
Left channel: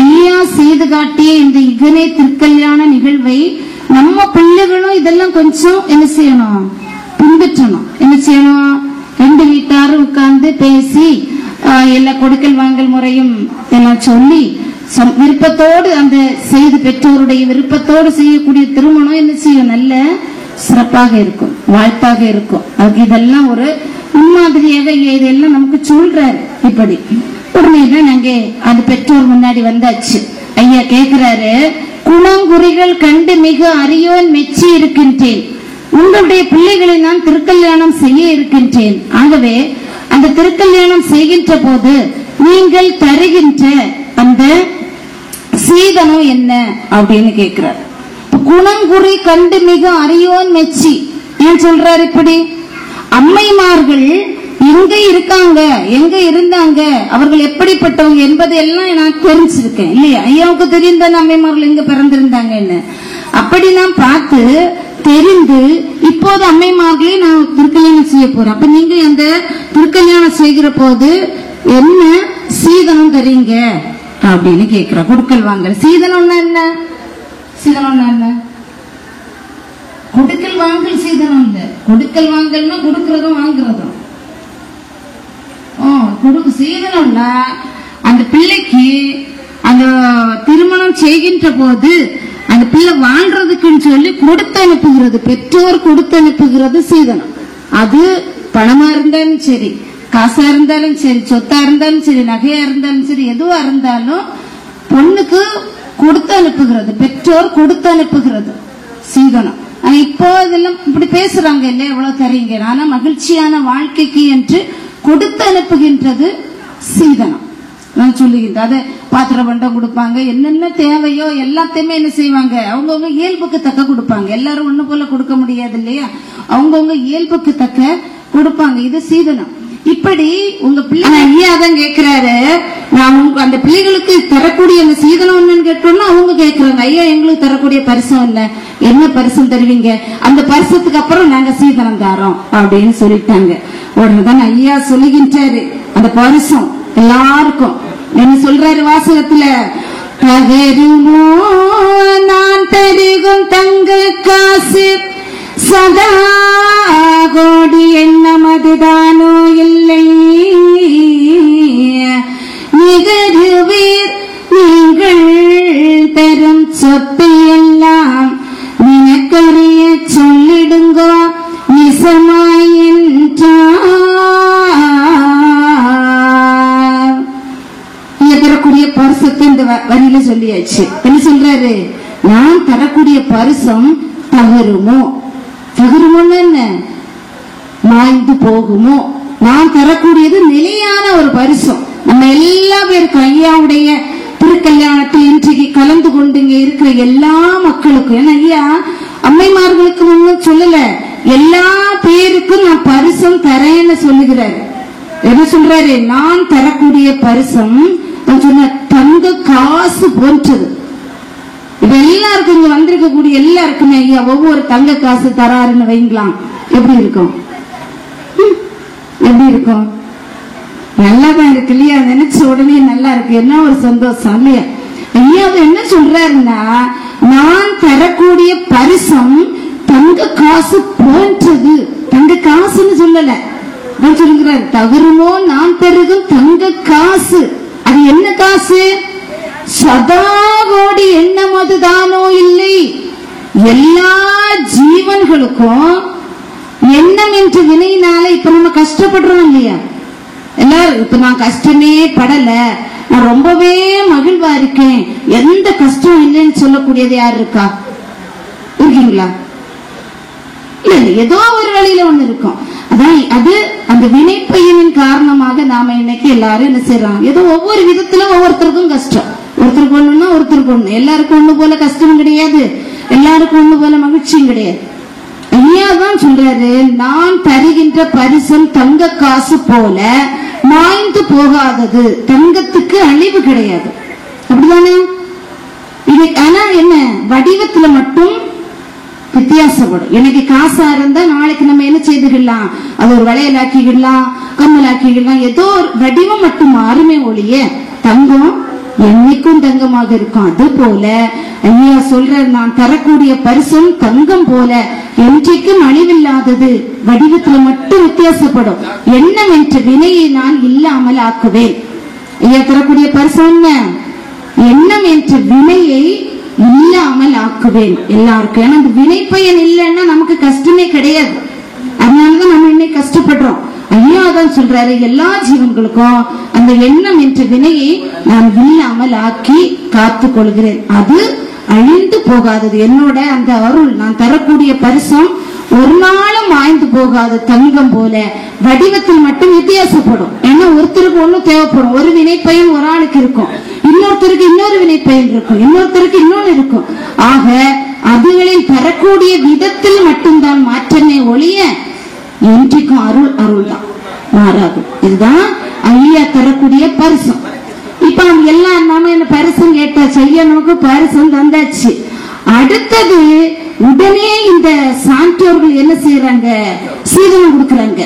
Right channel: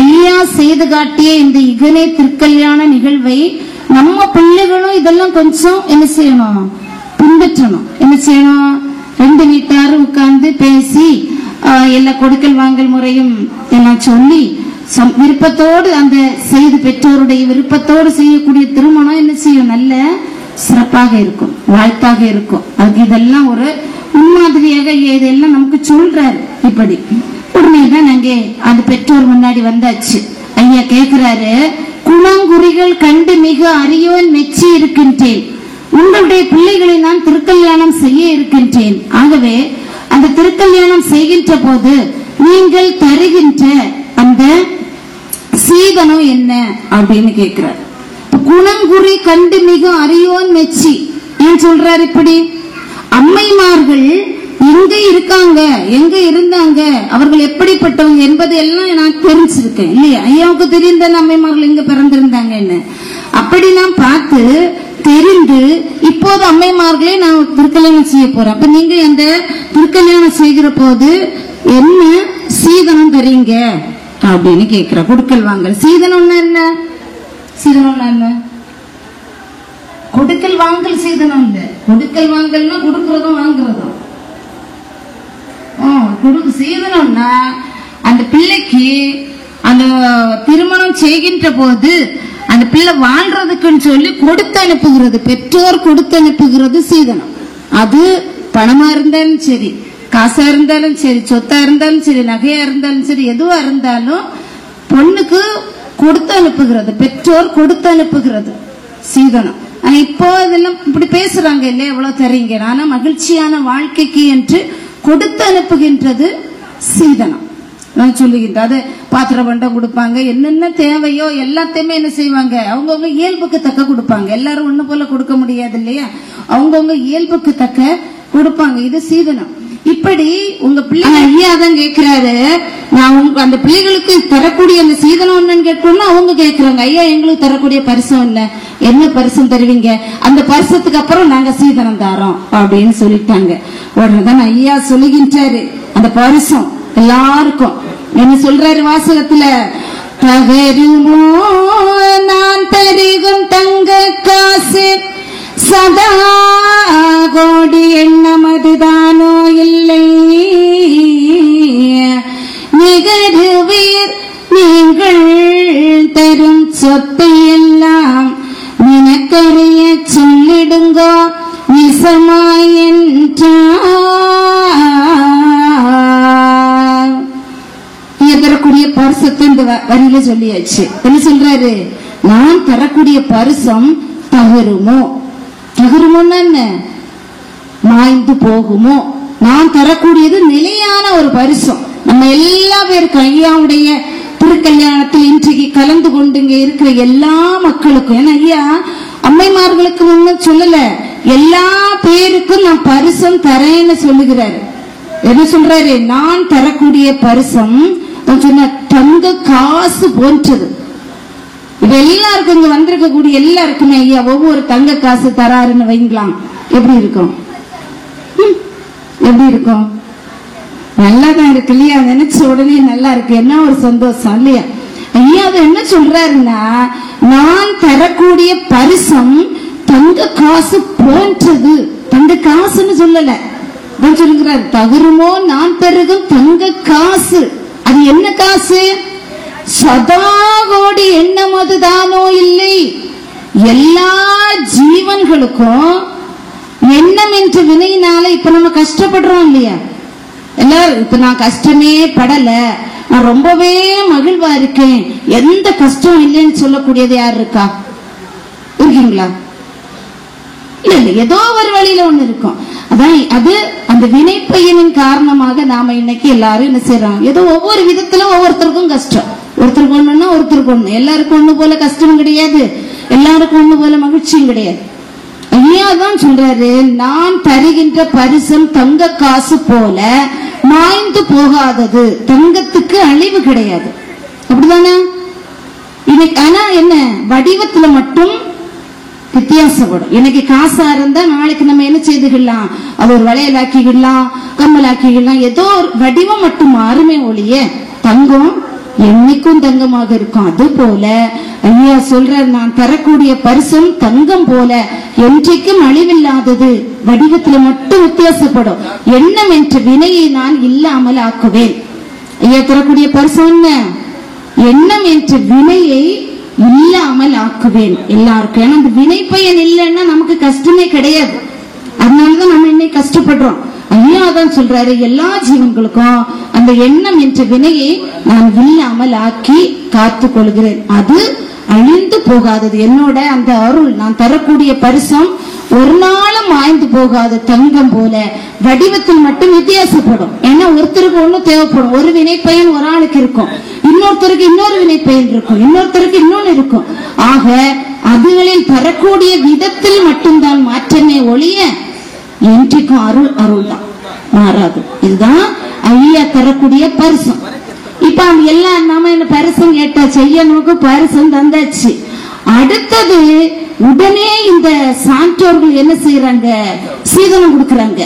ஐயா செய்து காட்டிய இந்த இகனை திருக்கல்யாண நிகழ்வை நம்ம பிள்ளைகளும் இதெல்லாம் கொஞ்சம் என்ன செய்யணும், பின்பற்றணும். என்ன செய்யணும், ரெண்டு வீட்டாரும் உட்கார்ந்து பேசி எல்லா கொடுக்கல் வாங்கல் முறையும் எல்லாம் சொல்லி விருப்பத்தோடு அந்த செய்து பெற்றோருடைய விருப்பத்தோடு செய்யக்கூடிய திருமணம் என்ன செய்யும், நல்ல சிறப்பாக இருக்கும், வாழ்த்தாக இருக்கும். அதுக்கு இதெல்லாம் ஒரு முன்மாதிரியாக இதெல்லாம் நமக்கு சொல்றாரு. இப்படி உடனேதான் நாங்க அந்த பெற்றோர் முன்னாடி வந்தாச்சு. ஐயா கேட்கிறாரு, குணங்குறிகள் கண்டு மிக அறியோன் மெச்சி இருக்கின்றேன், உங்களுடைய பிள்ளைகளை நான் திருக்கல்யாணம் செய்ய இருக்கின்றேன். ஆகவே அந்த திருக்கல்யாணம் செய்கின்ற போது நீங்கள் தருகின்ற அந்த சீதனம் என்ன அப்படின்னு கேட்கிறார். குணங்குறி கண்டு மிக அறியோன் மெச்சி ஏன் சொல்றாரு இப்படி? அம்மைமார்கள் எங்க இருக்காங்க, எங்க இருந்தாங்க, அவர்கள் எப்படிப்பட்டவங்க என்பது எல்லாம் நான் தெரிஞ்சிருக்கேன் இல்லையா? ஐயாவுக்கு தெரிந்த அம்மைமார்கள் எங்க பிறந்திருந்தாங்கன்னு அப்படி நான் பார்த்து தெரிந்து இப்போது அம்மைமார்களே நான் திருக்கல்யாணம் செய்ய போறேன். அப்ப நீங்க அந்த திருக்கல்யாணம் செய்கிற போது என்ன சீதனம் தரீங்க அப்படின்னு கேட்கிற. கொடுக்கல் வாங்கல் சீதனம்னா என்ன? சீதனம்னா என்ன? கொடுக்கல் வாங்கல் சீதனம் இல்ல. கொடுக்கல் வாங்கல்னா கொடுக்கறதும் வாங்குறதும். கொடுக்கு சீதனம்னா அந்த பிள்ளைக்கு அந்த திருமணம் செய்கின்ற போது அந்த பிள்ளை வாழ்றதுக்குன்னு சொல்லி கொடுத்து அனுப்புகிறது, பெற்றோர் கொடுத்து அனுப்புகிறது சீதனம். அது பணமா இருந்தாலும் சரி, காசா இருந்தாலும் சரி, சொத்தா இருந்தாலும் சரி, நகையா இருந்தாலும் சரி, எதுவா இருந்தாலும் பொண்ணுக்கு கொடுத்து அனுப்புகிறது, பெற்றோர் கொடுத்து அனுப்புகிறது சீதனம். ஆனா இப்போ இதெல்லாம் இப்படி பேசுறாங்க இல்லையா, எவ்வளவு தரீங்க, ஆனா மகிழ்ச்சியான வாழ்க்கைக்கு என்று கொடுத்து அனுப்புகின்றது சீதனம். நான் சொல்லுகின்றேன், அதை பாத்திர பண்டம் கொடுப்பாங்க, என்னென்ன தேவையோ எல்லாத்தையுமே என்ன செய்வாங்க, அவங்கவுங்க இயல்புக்கு தக்க கொடுப்பாங்க. எல்லாரும் ஒண்ணு போல கொடுக்க முடியாது இல்லையா, அவங்கவுங்க இயல்புக்கு தக்க கொடுப்பாங்க. இது சீதனம். இப்படி உங்க பிள்ளை ஐயா தான் கேட்கிறாரு, நான் உங்க அந்த பிள்ளைகளுக்கு தரக்கூடிய அந்த சீதனம் என்னன்னு கேட்டோம்னா அவங்க கேட்கிறாங்க, ஐயா எங்களுக்கு தரக்கூடிய பரிசம் இல்ல, என்ன பரிசம் தருவீங்க, அந்த பரிசத்துக்கு அப்புறம் நாங்க சீதனம் தரோம் அப்படின்னு சொல்லிட்டாங்க. உடனேதான் ஐயா சொல்லுகின்றாரு, அந்த பரிசம் எல்லாருக்கும் என்ன சொல்றாரு வாசகத்துல, தகருமோ நான் தருகும் தங்க காசு சதா கோடி எண்ணம் அதுதானோ இல்லை, நிகருவீர் நீங்கள் தரும் சொத்தை எல்லாம் நினைக்கறிய சொல்லிடுங்க நிசமாய் தரக்கூடிய பரிசத்தை இந்த வரியில சொல்லியாச்சு. என்ன சொல்றாரு, நான் தரக்கூடிய பரிசம் தகருமோ, தகருமோன்னா என்ன, மாய்ந்து போகுமோ, நான் தரக்கூடியது நிலையான ஒரு பரிசம். நம்ம எல்லா பேருக்கும் ஐயாவுடைய திருக்கல்யாணத்தில் இன்றைக்கு கலந்து கொண்டு இங்க இருக்கிற எல்லா மக்களுக்கும், ஏன்னா ஐயா அம்மைமார்களுக்கு ஒன்னும் சொல்லல, எல்லா பேருக்கும் நான் பரிசம் தரேன்னு சொல்லுகிறாரு. என்ன சொல்றாரு, நான் தரக்கூடிய பரிசம் சொன்ன தங்க காசு போன்றது. இப்ப எல்லாருக்கும் இங்க வந்திருக்கக்கூடிய எல்லாருக்குமே ஐயா ஒவ்வொரு தங்க காசு தராருன்னு வைங்களாம், எப்படி இருக்கும்? எப்படி இருக்கும்? நல்லாதான் இருக்கு இல்லையா, நினைச்ச உடனே நல்லா இருக்கு, என்ன ஒரு சந்தோஷம் இல்லையா? ஐயா அது என்ன சொல்றாருன்னா, நான் தரக்கூடிய பரிசம் தங்க காசு போன்றது. தங்க காசுன்னு சொல்லல, சொல்லுகிறார், தகருமோ நான் தருகும் தங்க காசு. அது என்ன காசு? சதா கோடி எண்ணம் அதுதானோ இல்லை. எல்லா ஜீவன்களுக்கும் எண்ணம் என்ற வினையினால இப்ப நம்ம கஷ்டப்படுறோம் இல்லையா? எல்லாரும் இப்ப நான் கஷ்டமே படல, நான் ரொம்பவே மகிழ்வா இருக்கேன், எந்த கஷ்டம் இல்லைன்னு சொல்லக்கூடியது யாரு இருக்கா? இருக்கீங்களா? இல்ல இல்ல, ஏதோ ஒரு வழியில ஒண்ணு இருக்கும். அதான் அது அந்த அந்த வினைப்பயனின் காரணமாக நாம இன்னைக்கு எல்லாரும் என்ன செய்யறோம், ஏதோ ஒவ்வொரு விதத்துல ஒவ்வொருத்தருக்கும் கஷ்டம். ஒருத்தருக்கு ஒண்ணுன்னா ஒருத்தருக்கு ஒண்ணு, எல்லாருக்கும் ஒண்ணு போல கஷ்டமும் கிடையாது, எல்லாருக்கும் ஒண்ணு போல மகிழ்ச்சியும் கிடையாது. ஐயா தான் சொல்றாரு, நான் தருகின்ற பரிசம் தங்க காசு போல மாய்ந்து போகாதது, தங்கத்துக்கு அழிவு கிடையாது. அப்படிதானே? ஆனா என்ன, வடிவத்துல மட்டும் வித்தியாசப்படும். எனக்கு காசா இருந்தா நாளைக்கு நம்ம என்ன செய்துக்கலாம், அது ஒரு வளையலாக்கிடலாம், கம்மலாக்கிடலாம், ஏதோ ஒரு வடிவம் மட்டும் மாறுமே ஒழிய தங்கம் என்னைக்கும் தங்கமாக இருக்கும். அது போல ஐயா சொல்ற, நான் தரக்கூடிய பரிசும் தங்கம் போல என்றைக்கும் அழிவில்லாதது, வடிவத்துல மட்டும் வித்தியாசப்படும். எண்ணம் என்ற வினையை நான் இல்லாமல் ஆக்குவேன். ஐயா தரக்கூடிய பரிசு என்ன, எண்ணம் என்ற வினையை இல்லாமல் ஆக்குவேன் எல்லாருக்கும். ஏன்னா அந்த வினை பயன் இல்லைன்னா நமக்கு கஷ்டமே கிடையாது. அதனாலதான் நம்ம இன்னைக்கு கஷ்டப்படுறோம். ஐயா தான் சொல்றாரு, எல்லா ஜீவன்களுக்கும் அந்த எண்ணம் என்ற வினையை நான் இல்லாமல் ஆக்கி காத்துக் கொள்கிறேன். அது அழிந்து போகாதது. என்னோட அந்த அருள், நான் தரக்கூடிய பரிசம் ஒரு நாளும் ஆய்ந்து போகாத தங்கம் போல வடிவத்தில் மட்டும் வித்தியாசப்படும். ஏன்னா ஒருத்தருக்கு ஒண்ணு தேவைப்படும். ஒரு வினை பயன் ஒரு ஆளுக்கு இருக்கும், இன்னொருத்தருக்கு இன்னொரு வினை பயன் இருக்கும், இன்னொருத்தருக்கு இன்னொன்னு இருக்கும். ஆக அதுகளில் தரக்கூடிய விதத்தில் மட்டும்தான் மாற்றமே ஒழிய என்றைக்கும் அருள் அருள் தான், மாறாது. இதுதான் ஐயா தரக்கூடிய பரிசம். இப்ப அவங்க எல்லாம் நாம என்ன பரிசம் கேட்டா செய்யணுக்கு பரிசம் தந்தாச்சு. அடுத்தது உடனே இந்த சான்றோர்கள் என்ன செய்யறாங்க, சீதனம் கொடுக்கறாங்க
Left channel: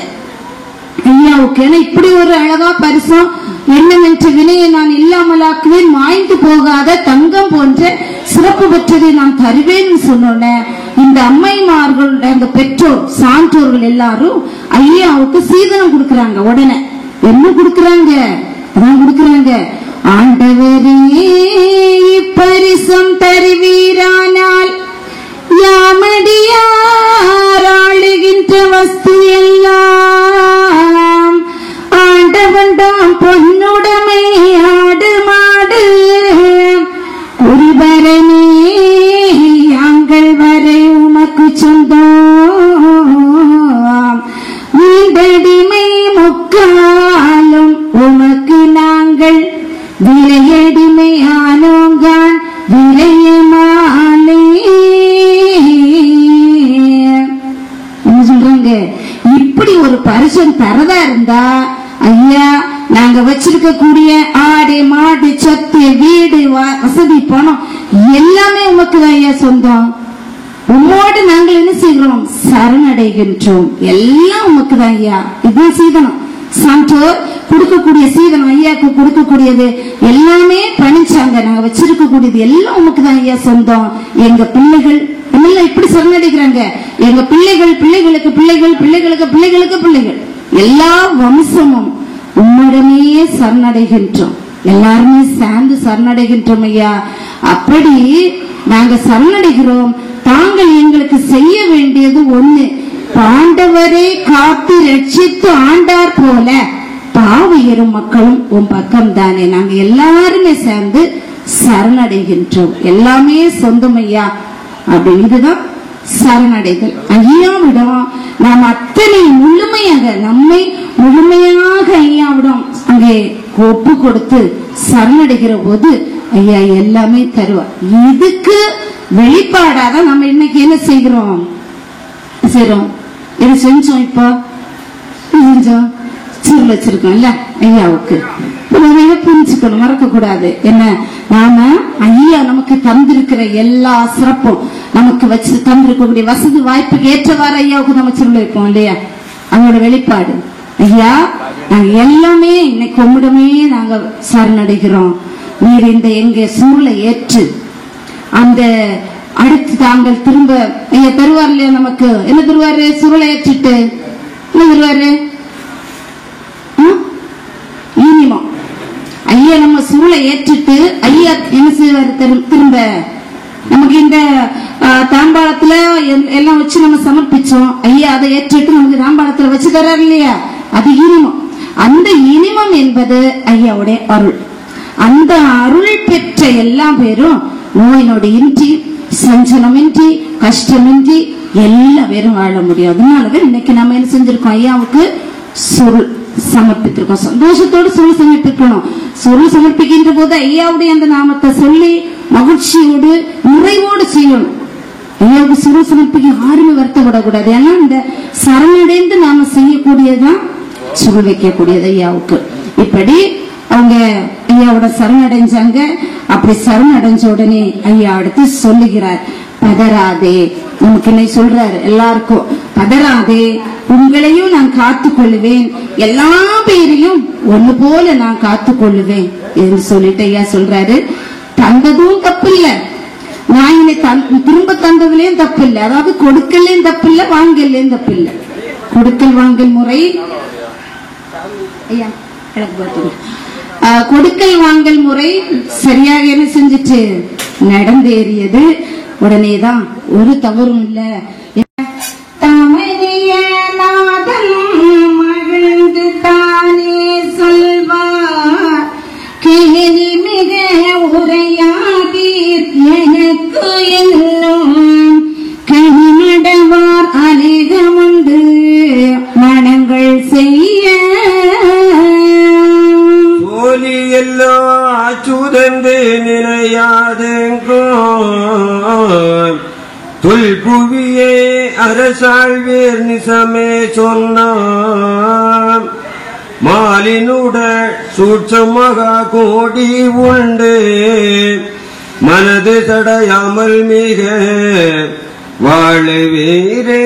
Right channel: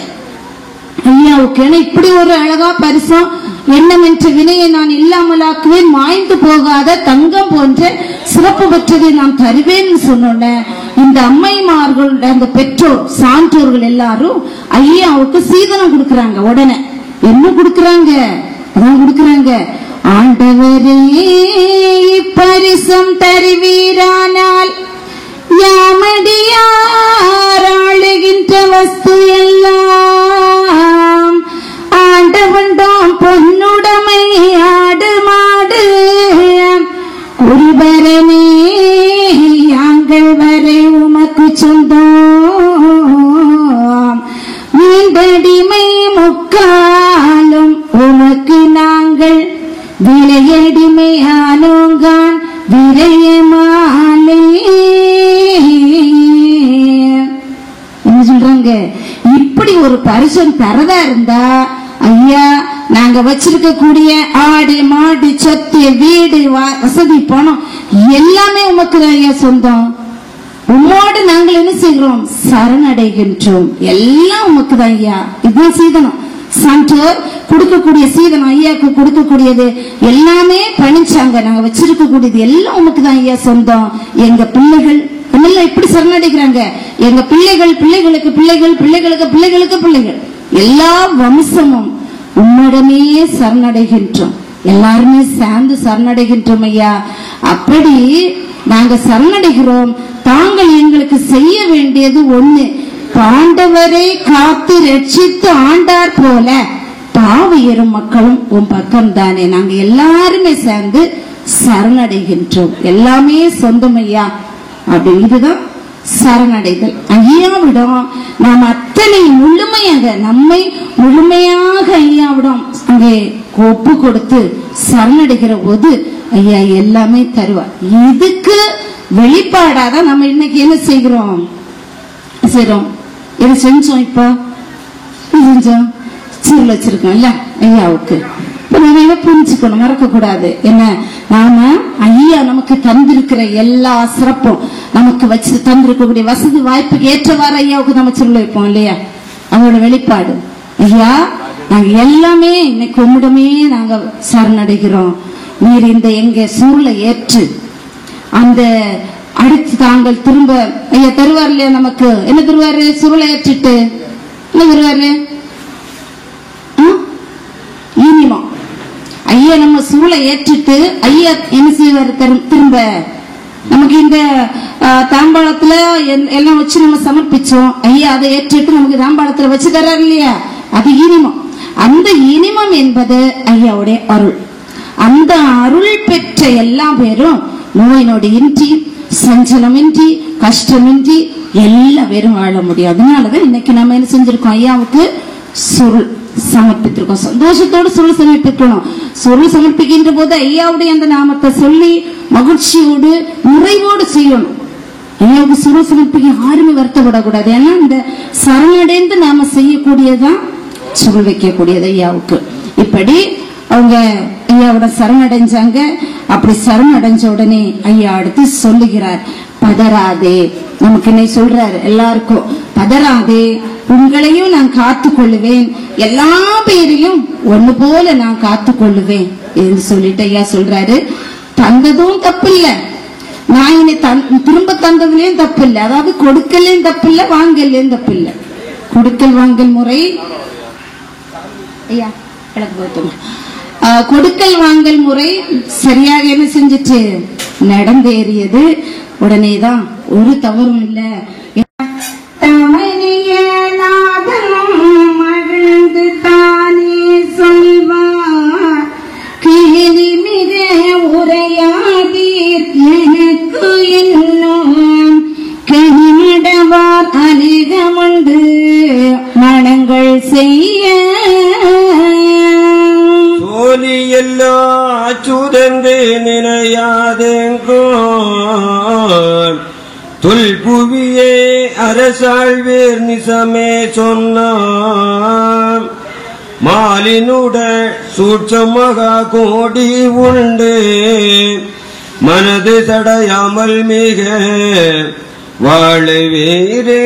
ஐயாவுக்கு. ஏன்னா இப்படி ஒரு அழகா பரிசம், எண்ணம் என்ற வினையை நான் இல்லாமலாக்குவேன், மாய்ந்து போகாத தங்கம் போன்ற சிறப்பு பெற்றதை நான் தருவேன்னு சொன்ன இந்த அம்மைமார்கள், அந்த பெற்றோர் சான்றோர்கள் எல்லாரும் ஐயாவுக்கு சீதனம் கொடுக்கறாங்க. உடனே என்ன கொடுக்கறாங்க, ஆண்டவரே பரிசம் தருவீரானால் யாமடியார் ஆளுகின்ற வஸ்து எல்லாம் ஆண்டவன் தான் பொன்னுடைமை ஆடு மாடு குருபரனே யாங்கள் வரை உமக்கு சொந்தம் வீண்டடிமை முக்காலும் உமக்கு நாங்கள் விலையடிமை ஆனோங்கான் விலையமாலே. என்ன சொல்றாங்க, இப்படி ஒரு பரிசம் தரதா இருந்தா ஐயா நாங்க வச்சிருக்கக்கூடிய ஆடு மாடு சொத்து வீடு வசதி பணம் எல்லாமே உமக்கு தான் ஐயா சொந்தம். உம்மோடு நாங்கள் என்ன செய்கிறோம், சரணடைகின்றோம். எல்லாம் உமக்கு தான் ஐயா. இதுதான் சீதனம். சான்றோர் கொடுக்கக்கூடிய சீதனம், ஐயாவுக்கு கொடுக்கக்கூடியது எல்லாமே பணிச்சாங்க. நாங்க வச்சிருக்கக்கூடியது எல்லாம் உமக்கு தான் ஐயா சொந்தம். எங்க பிள்ளைகள் இப்படி சரணடைகிறாங்க, எங்க பிள்ளைகள் பிள்ளைகளுக்கு பிள்ளைகள் பிள்ளைகளுக்கு பிள்ளைகளுக்கு பிள்ளைகள் எல்லா வம்சமும் உம்மிடமே சரணடைகின்றோம். எல்லாருமே சேர்ந்து சரணடைகின்றோம் ஐயா. அப்படி நாங்க சரணடைகிறோம். தாங்கள் எங்களுக்கு செய்ய வேண்டியது ஒண்ணு, பாண்டவரை காத்து ரட்சித்து ஆண்டார் போல பாவியரும் மக்களும் உன் பக்கம் தானே. நாங்க எல்லாருமே சேர்ந்து சரணடைகின்றோம். எல்லாமே சொந்தம் ஐயா. அப்படின்றதுதான் சரணடைதல். ஐயாவிடம் நாம் அத்தனை முழுமையாக, நம்மை முழுமையாக ஐயாவிடம் அங்கே ஒப்பு கொடுத்து சரணடைகிற போது ஐயா எல்லாமே தருவா. இதுக்கு வெளிப்பாடாதான் நம்ம இன்னைக்கு என்ன செய்கிறோம், என்ன செஞ்சோம், இப்போ செஞ்சோம் சீர் வச்சிருக்கோம்ல ஐயாவுக்கு. புரிஞ்சுக்கணும், மறக்க கூடாது. என்ன, நாம ஐயா நமக்கு தந்திருக்கிற எல்லா சிறப்பும், நமக்கு வச்சு தந்திருக்கக்கூடிய வசதி வாய்ப்புக்கு ஏற்றவாறு ஐயாவுக்கு நம்ம சொல்ல வைப்போம் இல்லையா, அவங்களோட வெளிப்பாடு. ஐயா நாங்க எல்லாமே இன்னைக்கு உம்மிடமே நாங்க சரணடைகிறோம். நீர் இந்த எங்க சூழலை ஏற்று அந்த அடுத்து தாங்கள் திரும்ப ஐயா தருவார் இல்லையா, நமக்கு என்ன தருவாரு, சூழலை ஏற்றிட்டு என்ன தருவாரு, இனிமம். ஐயா நம்ம சூழலை ஏற்றிட்டு ஐயா என்ன செய்வாரு, திரும்ப நமக்கு இந்த தாம்பாளத்துல எல்லாம் வச்சு நம்ம சமர்ப்பிச்சோம். ஐயா அதை ஏற்றிட்டு நமக்கு தாம்பாளத்துல வச்சு தர்றாரு இல்லையா, அது இனிமம். அந்த இனிமம் என்பது ஐயாவுடைய அருள். அந்த அருள் பெற்ற எல்லா பேரும் நோய் நொடி இன்றி, சஞ்சலமின்றி, கஷ்டமின்றி எல்லா பேரும் வாழ முடியும். அதனாலதான் இன்னைக்கு நம்ம என்ன செஞ்சிருக்கோம், ஐயாவுக்கு சொல் சமர்ப்பித்திருக்கோம். சந்தோஷத்தோடு சொல் சமர்ப்பிக்கணும். சொல் சமர்ப்பிக்கின்ற போது ஐயாவுடைய அந்த நாமத்தை சொல்லி மகிழ்ச்சியோடு நிறைவோடு செய்யணும். ஐயாவுக்கு சொல் சமர்ப்பிக்க யாருமே வருத்தப்படக்கூடாது. ஏன்னா இந்த சரணடைந்து நாம செய்யக்கூடியதான் சொல் வைக்கக்கூடியது ஐயாவுக்கு. இப்படி அவங்க ஐயாவோட சரணடைஞ்சாங்க. அப்படி சரணடைஞ்ச உடனே ஐயா அடுத்து சொல்லுகிறார், பதறாதே. நமக்கு என்ன சொல்றாரு எல்லாருக்கும், பதறாதே, உங்களையும் நான் காத்துக் கொள்ளுவேன், எல்லா பேரையும் ஒண்ணு போல நான் காத்துக் கொள்ளுவேன் என்று சொல்லிட்டு ஐயா சொல்றாரு. தந்ததும் தப்பு இல்ல, நான் இனி திரும்ப தந்ததுலயும் தப்பு இல்ல, அதாவது கொடுக்கலையும் தப்பு இல்ல, வாங்கலையும் தப்பு இல்ல. கொடுக்கல் வாங்கல் முறை ஐயா கொடுக்கல் வாங்கல் முறை சரியாக என்ன செஞ்சிச்சு, நடந்தேறியது. உடனேதான் ஒரு தவறும் இல்ல. மகிழ்ந்து தானே சொல்வார், கேலி மிக உரையாதீர், எனக்கு இன்னும் கனிமடவார் அநேகமுண்டு மனங்கள் செய்ய. சோலி எல்லா அச்சுதந்து நினையாதெங்கோ தொல்புவியே அரசாழ்வேர் நிசமே சொன்னார். மாலினுட சூட்சமாக கோடி உண்டு மனது சடையாமல் மிக வாழவீரே.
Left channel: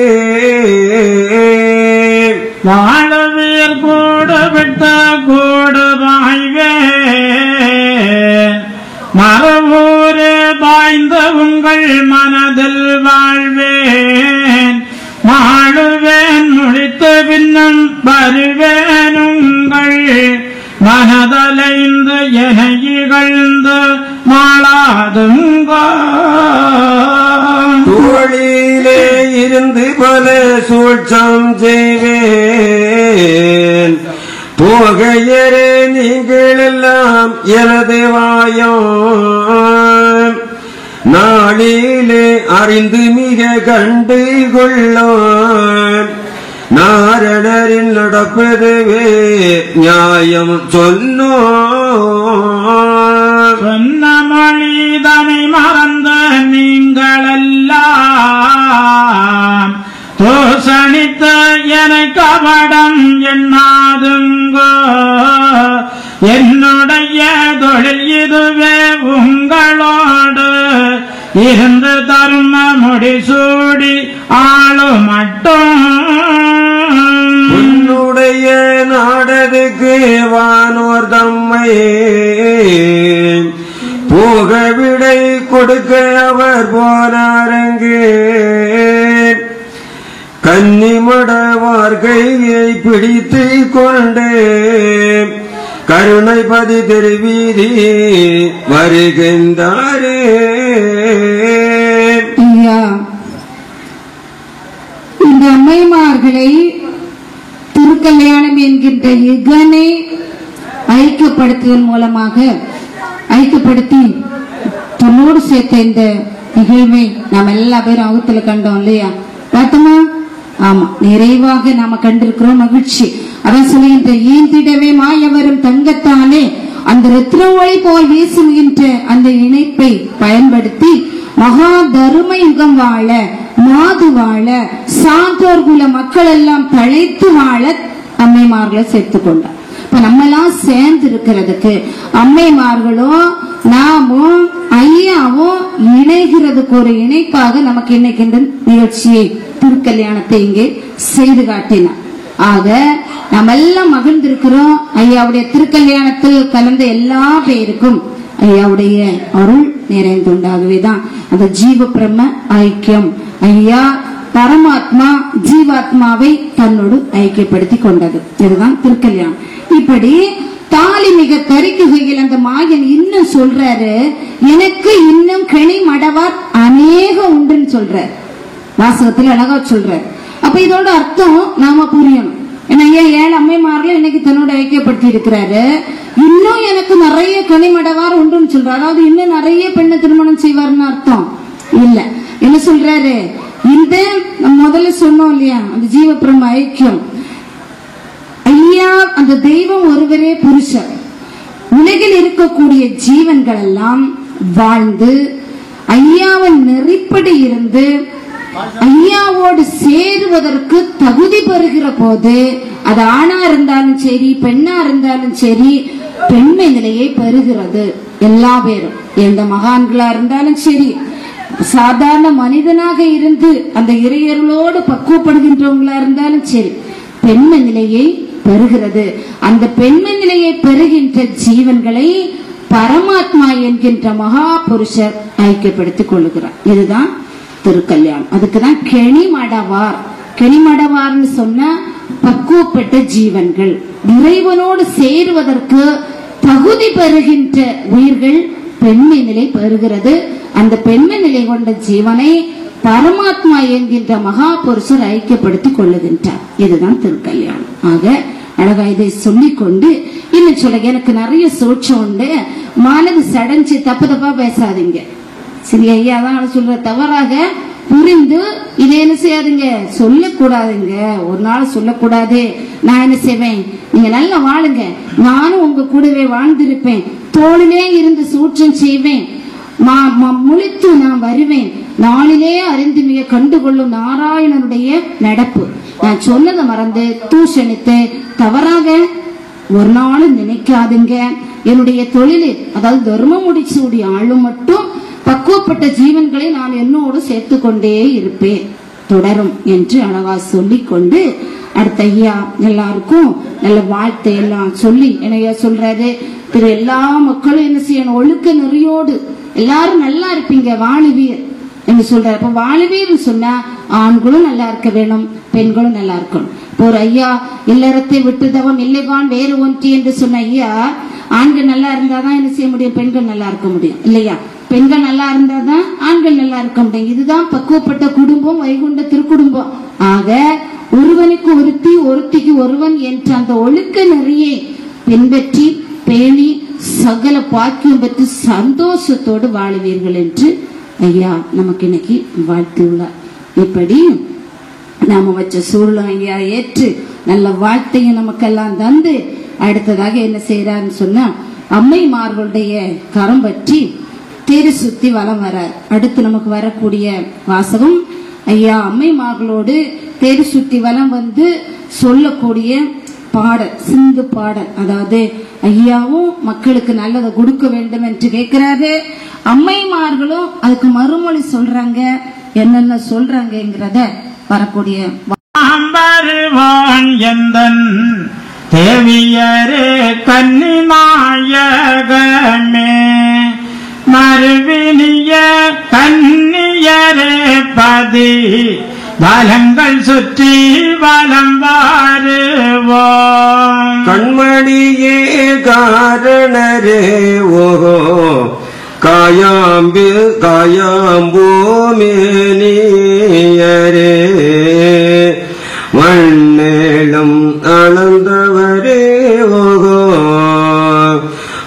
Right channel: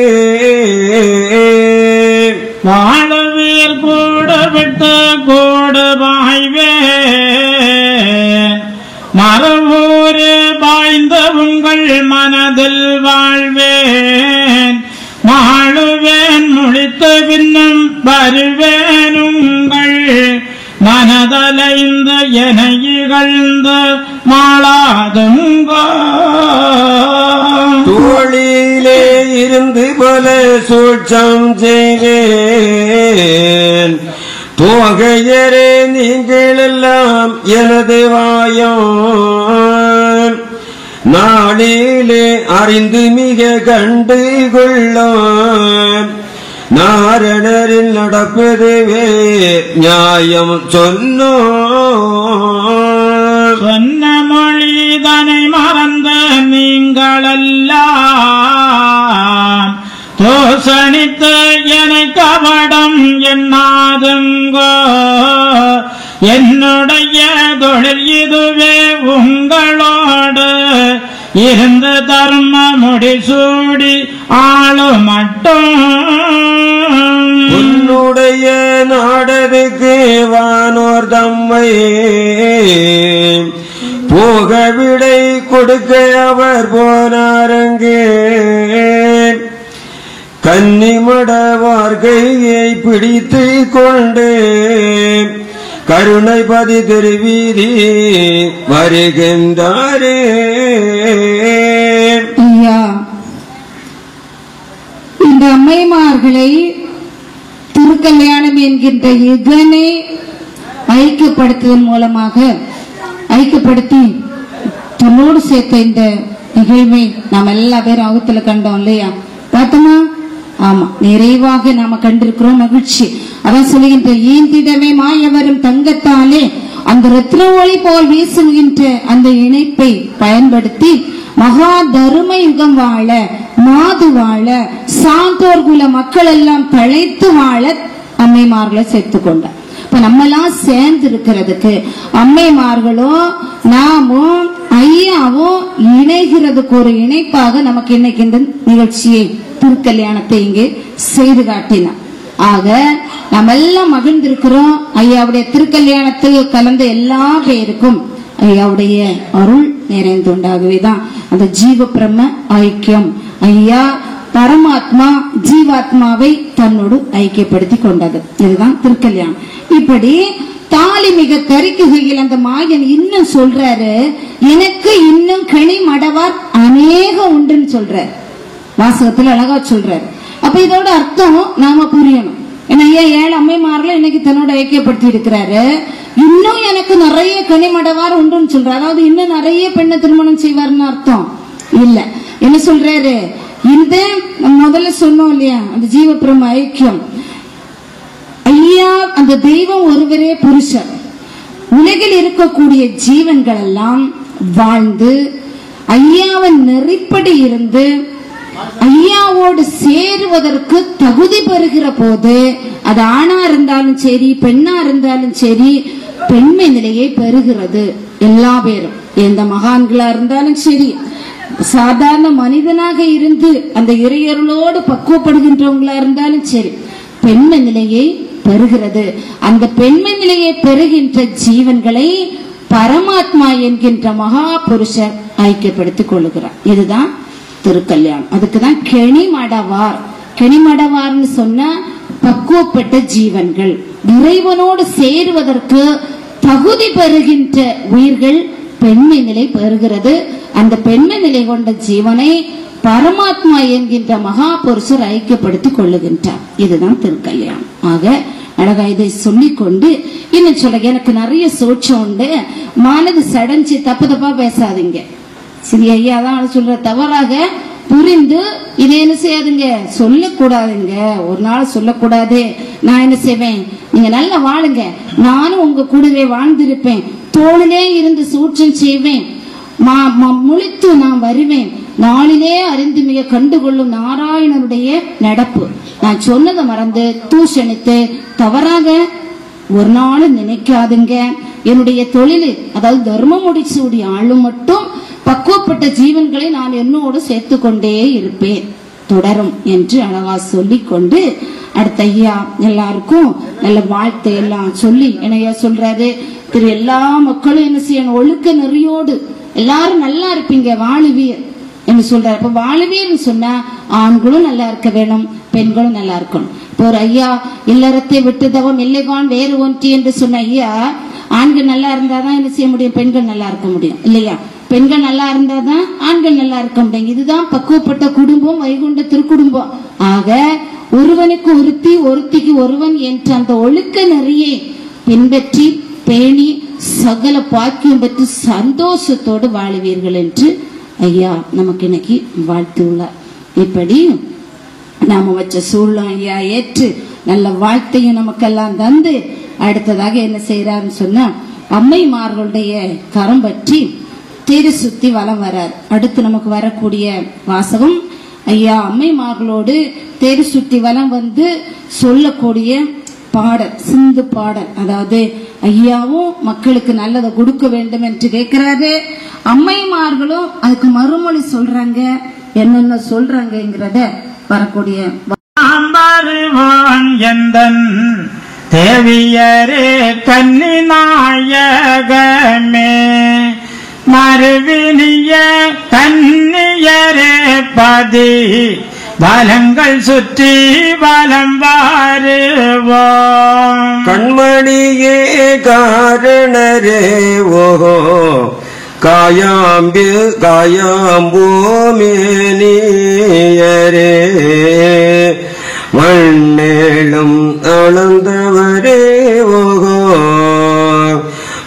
வாழவீர் கூட விட்ட கூட வாய்வே மரபூரே பாய்ந்த உங்கள் மனதில் வாழ்வேன். மாழுவேன் முடித்த பின்னும் வருவேன் உங்கள் மனதலைந்து என இகழ்ந்து மாளாதுங்கோ. தோழியிலே இருந்து பல சூழ்ச்சம் செய்வேன், தோகையரே நீங்கள் எல்லாம் எனது வாயோன். நாளிலே அறிந்து மிக கண்டு கொள்ளான், நாரணரில் நடப்பதுவே நியாயம் சொன்ன மொழிதனை மறந்த நீங்களெல்லாம் தோசனித்த என கபடம் எண்ணாதுங்கோ. என்னுடைய தொழில் இதுவே உங்களோடு இருந்து தர்ம முடிசூடி ஆளும் மட்டும். உன்னுடைய நாடதுக்கு வானோர் தம்மை போக விடை கொடுக்க அவர் போனாரங்கே. கன்னிமடவார் கையை பிடித்து கொண்டு கருணைபதி திருவீதி வருகின்றாரே. இந்த அம்மைமார்களை திருக்கல்யாணம் என்கின்ற யுகனை ஐக்கியப்படுத்துவதன் மூலமாக ஐக்கியப்படுத்தி தன்னோடு சேர்த்த இந்த நிகழ்வை நாம் எல்லா பேரும் அகத்துல கண்டோம் இல்லையா, பார்த்தோமா? ஆமா, நிறைவாக நாம கண்டிருக்கிறோம். மகிழ்ச்சி. அதான் சொல்லுகின்ற ஈந்திடவே மாயவரும் தங்கத்தாலே அந்த ரத்னமொழி போல் வீசுகின்ற அந்த இணைப்பை பயன்படுத்தி மகா தரும யுகம் வாழ, மாது வாழ, சாந்தோர் குல மக்கள் எல்லாம் தழைத்து வாழ அம்மைமார்களை சேர்த்து கொண்டார். இப்ப நம்ம எல்லாம் சேர்ந்து இருக்கிறதுக்கு அம்மைமார்களும் நாமும் ஐயாவும் இணைகிறதுக்கு ஒரு இணைப்பாக நமக்கு இன்னைக்கு இந்த நிகழ்ச்சியை திருக்கல்யாணத்தை இங்கே செய்து காட்டினார். ஆக நம்ம எல்லாம் மகிழ்ந்திருக்கிறோம். ஐயாவுடைய திருக்கல்யாணத்துக்கு கலந்த எல்லா பேருக்கும் ஐயாவுடைய அருள் நிறைந்துண்டாகவேதான் அந்த ஜீவ பிரம்ம ஐக்கியம். ஐயா பரமாத்மா ஜீவாத்மாவை தன்னோடு ஐக்கியப்படுத்தி கொண்டது. இதுதான் திருக்கல்யாணம். இப்படி தாலி மிக கரிக்குகையில் அந்த மாயன் இன்னும் சொல்றாரு, எனக்கு இன்னும் கனி மடவார் அநேகம் உண்டுன்னு சொல்றாரு. வாசகத்தில் அழகா சொல்றாரு. அப்ப இதோட அர்த்தம் நாம புரியணும். ஏன்னா ஏன் 7 அம்மைமார்கள் இன்னைக்கு தன்னோட ஐக்கியப்படுத்தி இருக்கிறாரு. இன்னும் எனக்கு நிறைய கனிமடவார் உண்டுன்னு சொல்றாரு. அதாவது இன்னும் நிறைய பெண்ணை திருமணம் செய்வார்னு அர்த்தம் இல்ல. என்ன சொல்றாரு, இந்த முதல்ல சொன்னோம் இல்லையா, அந்த ஜீவ பிரம்ம ஐக்கியம், அந்த தெய்வம் ஒருவரே புருஷர். உலகில் இருக்கக்கூடிய ஜீவன்கள் எல்லாம் வாழ்ந்து ஐயாவின் நெறிப்படி இருந்து ஐயாவோடு சேருவதற்கு தகுதி பெறுகிற போது, அது ஆணா இருந்தாலும் சரி பெண்ணா இருந்தாலும் சரி, பெண்மை நிலையை பெறுகிறது. எல்லா பேரும் எந்த மகான்களா இருந்தாலும் சரி, சாதாரண மனிதனாக இருந்து அந்த இறையர்களோடு பக்குவப்படுகின்றவங்களா இருந்தாலும் சரி, பெண்மை நிலையை பெறுகிறது. அந்த பெண்மை நிலையை பெறுகின்ற ஜீவன்களை பரமாத்மா என்கின்ற மகா புருஷர் ஐக்கியப்படுத்திக் கொள்ளுகிறார். இதுதான் திருக்கல்யாணம். அதுக்குதான் கெணிமடவார். கெணிமடவார்னு சொன்ன பக்குவப்பட்ட ஜீவன்கள், இறைவனோடு சேருவதற்கு தகுதி பெறுகின்ற உயிர்கள் பெண்மை நிலை பெறுகிறது. அந்த பெண்மை நிலை கொண்ட ஜீவனை பரமாத்மா என்கின்ற மகா புருஷர் ஐக்கியப்படுத்திக் கொள்ளுகின்றார். இதுதான் திருக்கல்யாணம். ஆக அழகா இதை சொல்லிக்கொண்டு இன்னும் சொல்ல, எனக்கு நிறைய சோட்சம் உண்டு, மனது சடைஞ்சு தப்பு தப்பா பேசாதீங்க. சரி, ஐயா தான் சொல்ற, தவறாக புரிந்து இதை என்ன செய்யாதுங்க, சொல்லக்கூடாதுங்க. ஒரு நாள் சொல்லக்கூடாது. நான் என்ன செய்வேன், நீங்க நல்லா வாழுங்க, நானும் உங்க கூடவே வாழ்ந்திருப்பேன், தோளிலே இருந்து சூற்றம் செய்வேன், முழித்து நான் வருவேன், நாளிலே அறிந்து மிக கண்டுகொள்ளும் நாராயணனுடைய நடப்பு. நான் சொன்னதை மறந்து தூஷணித்து தவறாக ஒரு நாளும் நினைக்காதுங்க. என்னுடைய தொழில், அதாவது தர்மம் முடிச்சூடிய ஆளும் மட்டும் பக்குவப்பட்ட ஜீவன்களை நான் என்னோடு சேர்த்து கொண்டே இருப்பேன், தொடரும் என்று அழகா சொல்லிக்கொண்டு அடுத்த ஐயா எல்லாருக்கும் நல்ல வாழ்த்தை எல்லாம் சொல்லி என்னையா சொல்றாரு, திரு எல்லா மக்களும் என்ன செய்யணும், ஒழுக்க நெறியோடு எல்லாரும் நல்லா இருப்பீங்க, வாழுவீர் என்று சொல்றாரு. அப்ப வாழுவீர்னு சொன்னா ஆண்களும் நல்லா இருக்க வேணும், பெண்களும் நல்லா இருக்கணும். இப்போ ஒரு ஐயா இல்லறத்தை விட்டுதவம் இல்லைவான் வேறு ஒன்றி என்று சொன்ன ஐயா, ஆண்கள் நல்லா இருந்தாதான் என்ன செய்ய முடியும், பெண்கள் நல்லா இருக்க முடியும் இல்லையா? பெண்கள் நல்லா இருந்தாதான் ஆண்கள் நல்லா இருக்க முடியும். இதுதான் பக்குவப்பட்ட குடும்பம், வைகுண்ட திருக்குடும்பம். ஆக ஒருவனுக்கு ஒருத்தி ஒருத்திக்கு ஒருவன் என்ற அந்த ஒழுக்க நெறியை பின்பற்றி பேணி சகல பாக்கியம் பெற்று சந்தோஷத்தோடு வாழுவீர்கள் என்று ஐயா நமக்கு இன்னைக்கு வாழ்த்துள்ளார். இப்படி நாம வச்ச சூழலும் ஐயா ஏற்று நல்ல வாழ்த்தையும் நமக்கெல்லாம் தந்து அடுத்ததாக என்ன செய்யறாருன்னு சொன்னா, அம்மைமார்களுடைய கரம் பற்றி தேடி சுத்தி வலம் வர்றார். அடுத்து நமக்கு வரக்கூடிய வாசகம், ஐயா அம்மைமார்களோடு தேடி சுத்தி வலம் வந்து சொல்லக்கூடிய பாடல், சிந்து பாடல். அதாவது ஐயாவும் மக்களுக்கு நல்லதை கொடுக்க வேண்டும் என்று கேட்கிறாரு, அம்மைமார்களும் அதுக்கு மறுமொழி சொல்றாங்க. என்னென்ன சொல்றாங்கிறத வரக்கூடிய எந்தன் தேவியரே கன்னி நாயகமே மறுவினிய கன்னியரே பதி வலங்கள் சுற்றி வலம் வாருவோம். கண்மணியே காரணரே ஓஹோ காயாம்பூமேனியரே மண்ணேளும் அளந்தவரே ஓஹோ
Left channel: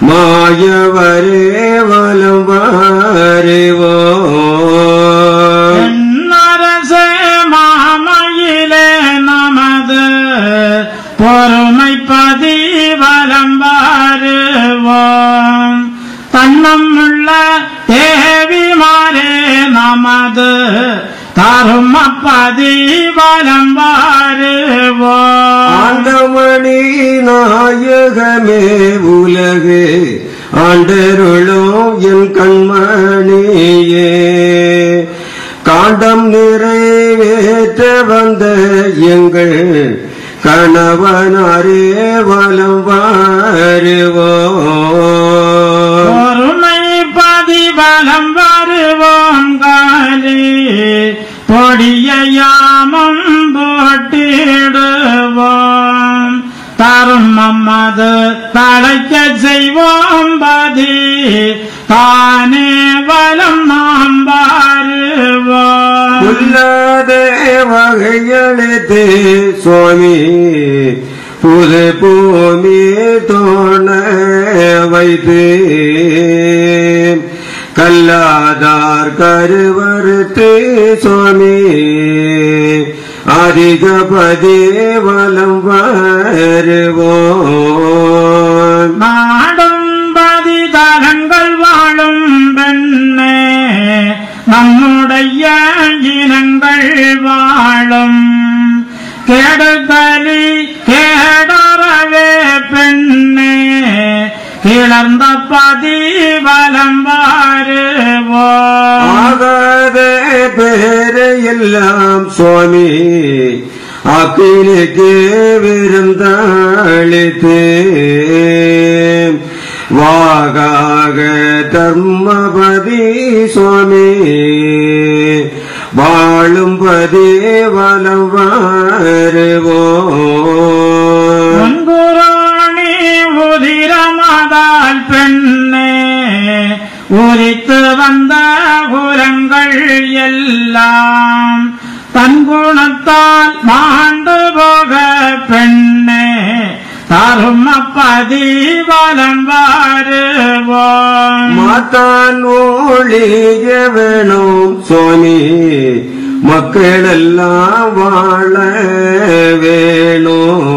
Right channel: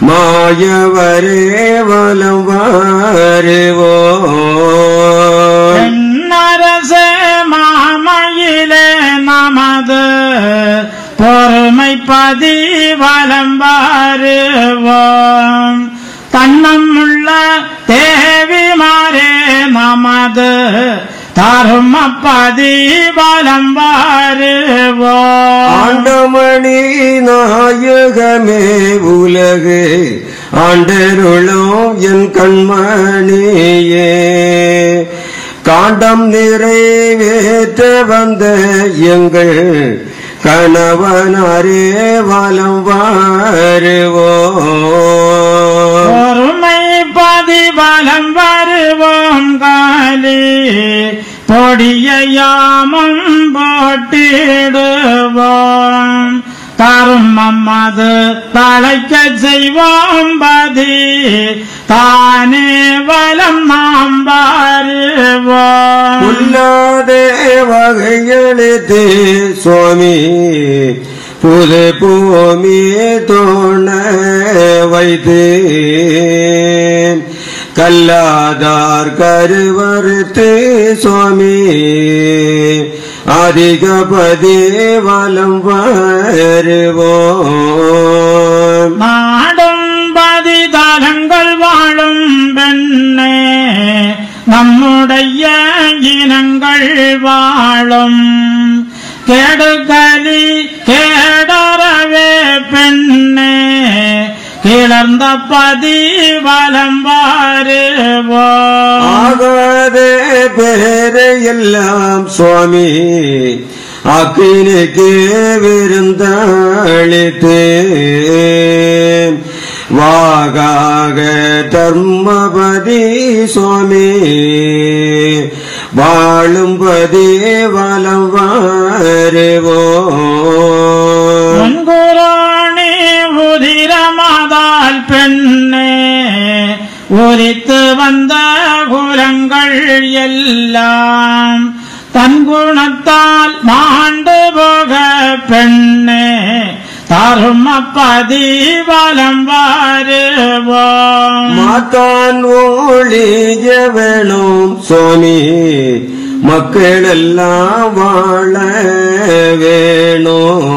மாயவரே வலம் வாருவோ. அரசே மாமையிலே நமது பொறுமை பதி வலம் வாருவோம். தன்மம் உள்ள தேவிமாரே நமது தரும பதி வலம் வாருவோம். ஆண்டமணி நாயகமே உலகு ஆண்டருளும் என் கண்மணியே காண்டம் நிறைவேற்ற வந்த எங்கள் கணவனாரே வலம் வாருவோம். பொறுமை பதி வலம் வருவோம். காலி பொடியாமும் போட்டிடுவோம். தருமம் அது தலைக்க செய்வோம். பதி தானே வலம் நாம் வருவோம். உள்ளாத வகையெழுத்து சுவாமி புது பூமி தோண வைத்து கல்லாதார் கருவறுத்து சுவாமி அதிகபதி வலம் வருவோம் நாடும் பதிதலங்கள் வாழும் பெண்ணே நம்முடைய இனங்கள் வாழும் கெடுகலி கேடறவே பெண்ணே கிளர்ந்த பதிவலம் வருவோம் ஆகாத பேரையெல்லாம் சுவாமி அக்கினிக்கு விருந்தளித்தே வாகாக தர்மபதி சுவாமி வாழும்பதி வலம் வருவோம் குரோணி உதிரமதால் பெண்ணே உரித்து வந்த குலங்கள் எல்லாம் தன் குணத்தால் மாண்டு போக பெண்ணே தருமப்பதி வலம் வருவோம் மாத்தான் ஒளிய வேணும் சுவாமி மக்களெல்லாம் வாழ வேணும்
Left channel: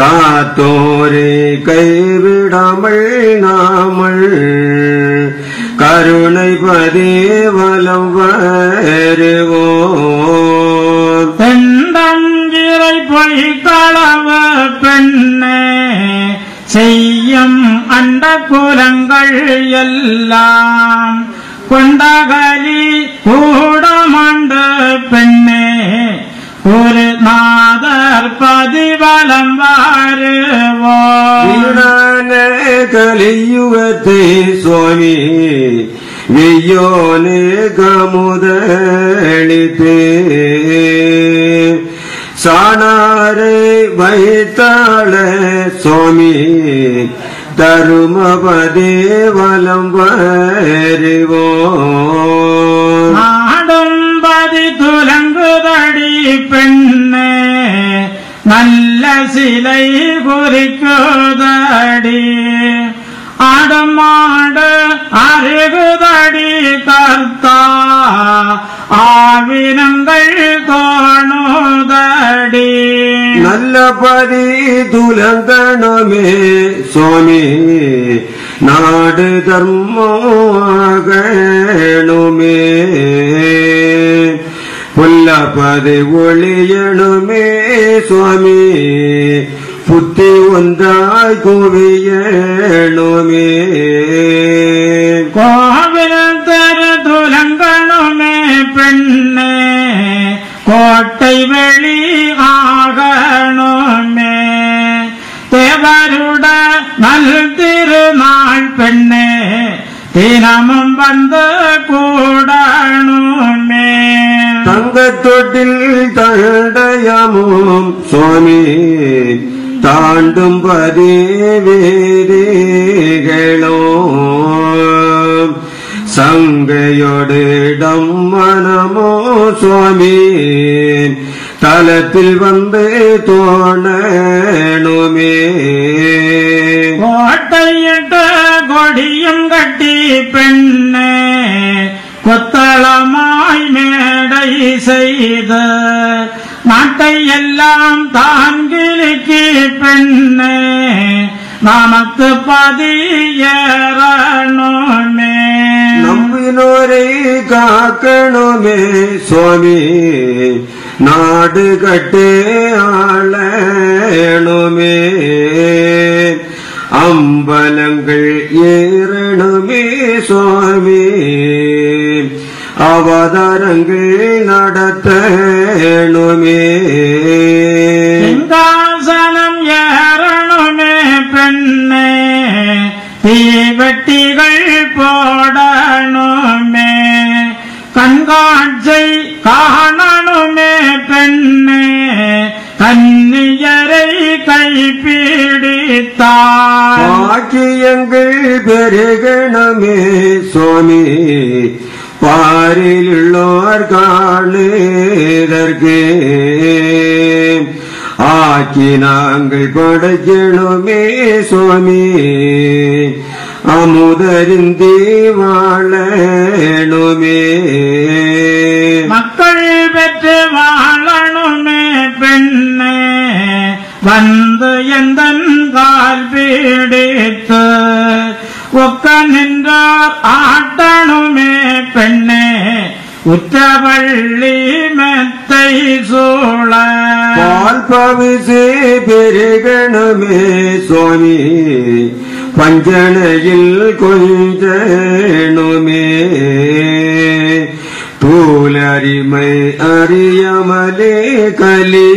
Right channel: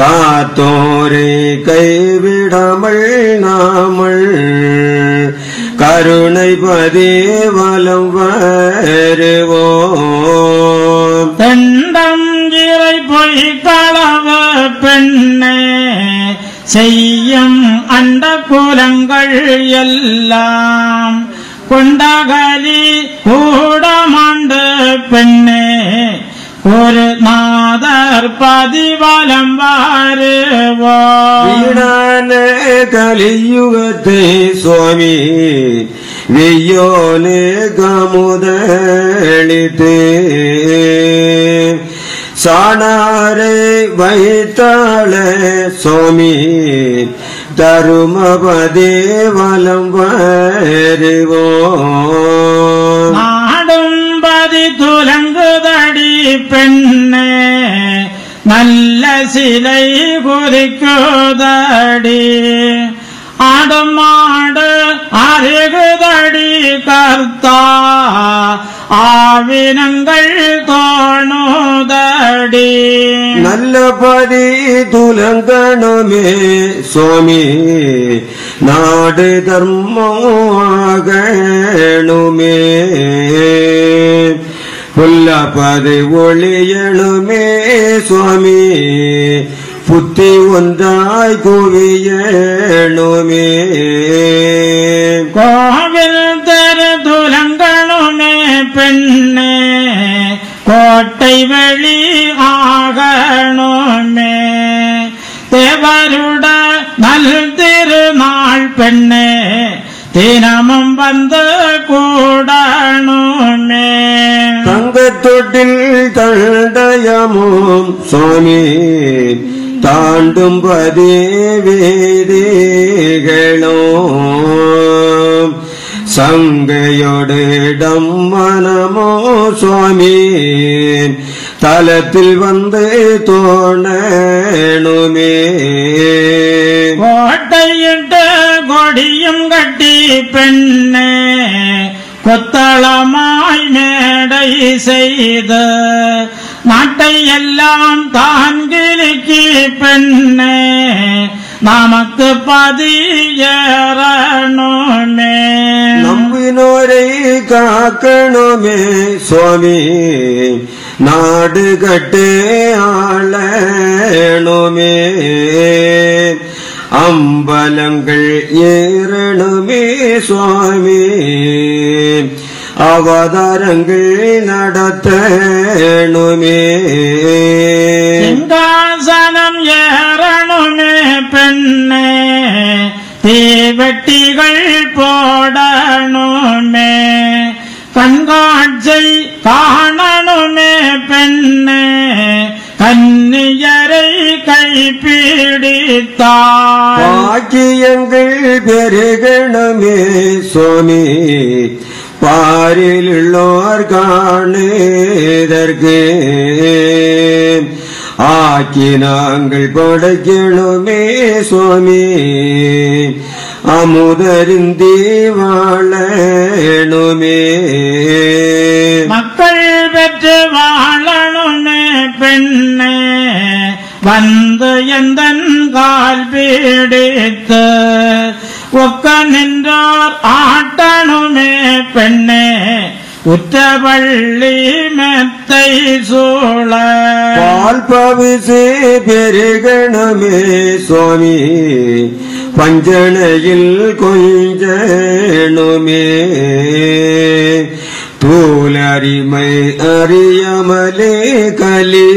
காத்தோரை கைவிடாமல் நாமல் கருணை பதி வலம் வருவோம் தெண்டங்கிரை பொய்களவு பெண்ணே செய்யும் அண்ட குலங்கள் எல்லாம் கொண்டகலி கூடமாண்டு பெண்ணே ஒரு நாதர் பதிவலம் வருவோம் வீணான கலியுகத்தை சுவாமி வியோனே கமுதளித்தே சாணாரை வைத்தாள சுவாமி தருமபதி வலம் வருவோம் நாடும்பதி துலங்குதடி பெண்ணே நல்ல சிலை குறிக்குதடி ஆடமாடு அருகுதடி கர்த்தா ஆவினங்கள் தோணுதடி நல்ல பதி துலங்கணுமே சுவாமி நாடு தர்மமாகணுமே புல்லபதி ஒளியணுமே சுவாமி புத்தி ஒன்றாய் குவியணுமே கோவில் தரு துலங்கணுமே பெண்ணே கோட்டை வெளி ஆகணுமே தேவருட நல் திருநாள் பெண்ணே தினமும் வந்து கூடணுமே தங்கத்தொட்டில் தண்டயமும் சுவாமி தாண்டும் பதி வேதிகளோ சங்கையோடிடம் மனமோ சுவாமி தலத்தில் வந்து தோணணுமே கோட்டையிட்ட கொடியும் கட்டி பெண்ணே கொத்தளமாய் மேடை செய்த நாட்டை எல்லாம் தான் கிழக்கி பெண்ணே நமக்கு பதியறணுமே நம்பினோரை காக்கணுமே சுவாமி நாடு கட்டே ஆளணுமே அம்பலங்கள் ஏறணுமே சுவாமி அவதாரங்கள் நடத்தணுமே சிங்காசனம் ஏறணுமே பெண்ணே தீவெட்டிகள் போடணுமே கண்காட்சி காணணுமே பெண்ணே கன்னியரை கைப்பிடித்தார் பாக்கியங்கள் பெருகணுமே சுவாமி பாரிலுள்ளோர் காணுதற்கு ஆக்கி நாங்கள் படைக்கணுமே சுவாமி அமுதருந்தி வாழணுமே மக்கள் பெற்று வாழ வந்து எந்தன் கால் பீடித்து ஒக்க நின்றார் ஆட்டணுமே பெண்ணே உற்றவள்ளி மெத்தை சூழ பால் பவிசே பெருகணுமே சுவாமி பஞ்சனையில் கொஞ்சணுமே தூலறிமை அறியாமலே கலி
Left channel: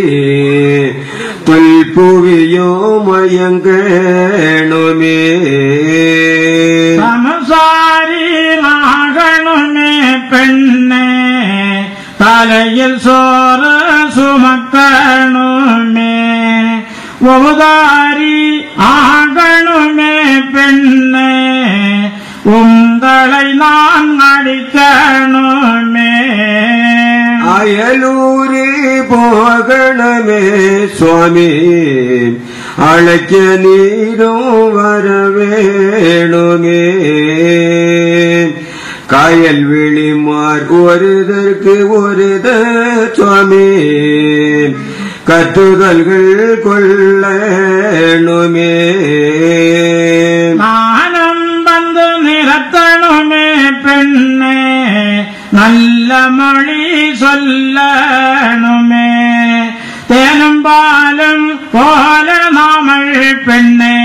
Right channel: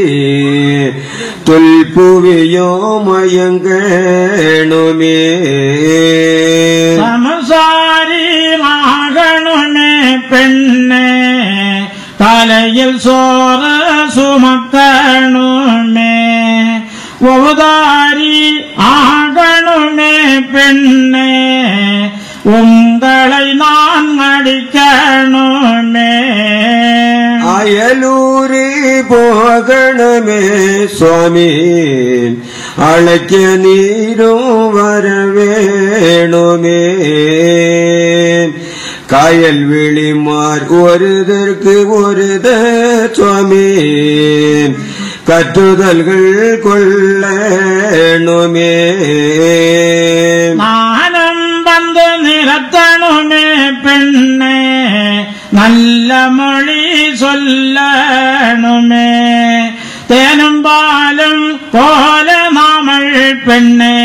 தொல்புவியோ மயங்கணுமே சமசாரி ஆகணுமே பெண்ணே தலையில் சோறு சுமக்கணுமே உதாரி ஆகணுமே பெண்ணே உங்களை நான் அடிக்கணுமே அயலூரி போகணுமே சுவாமி அழைக்க நீரும் வரவேணுமே காயல் விழிமார் ஒருதற்கு ஒருத சுவாமி கட்டுதல்கள் கொள்ளணுமே நானும் வந்து நிலத்தணுமே பெண்ணே நல்ல மொழி சொல்லணுமே தேனும் பாலும் போல நாமல் பெண்ணே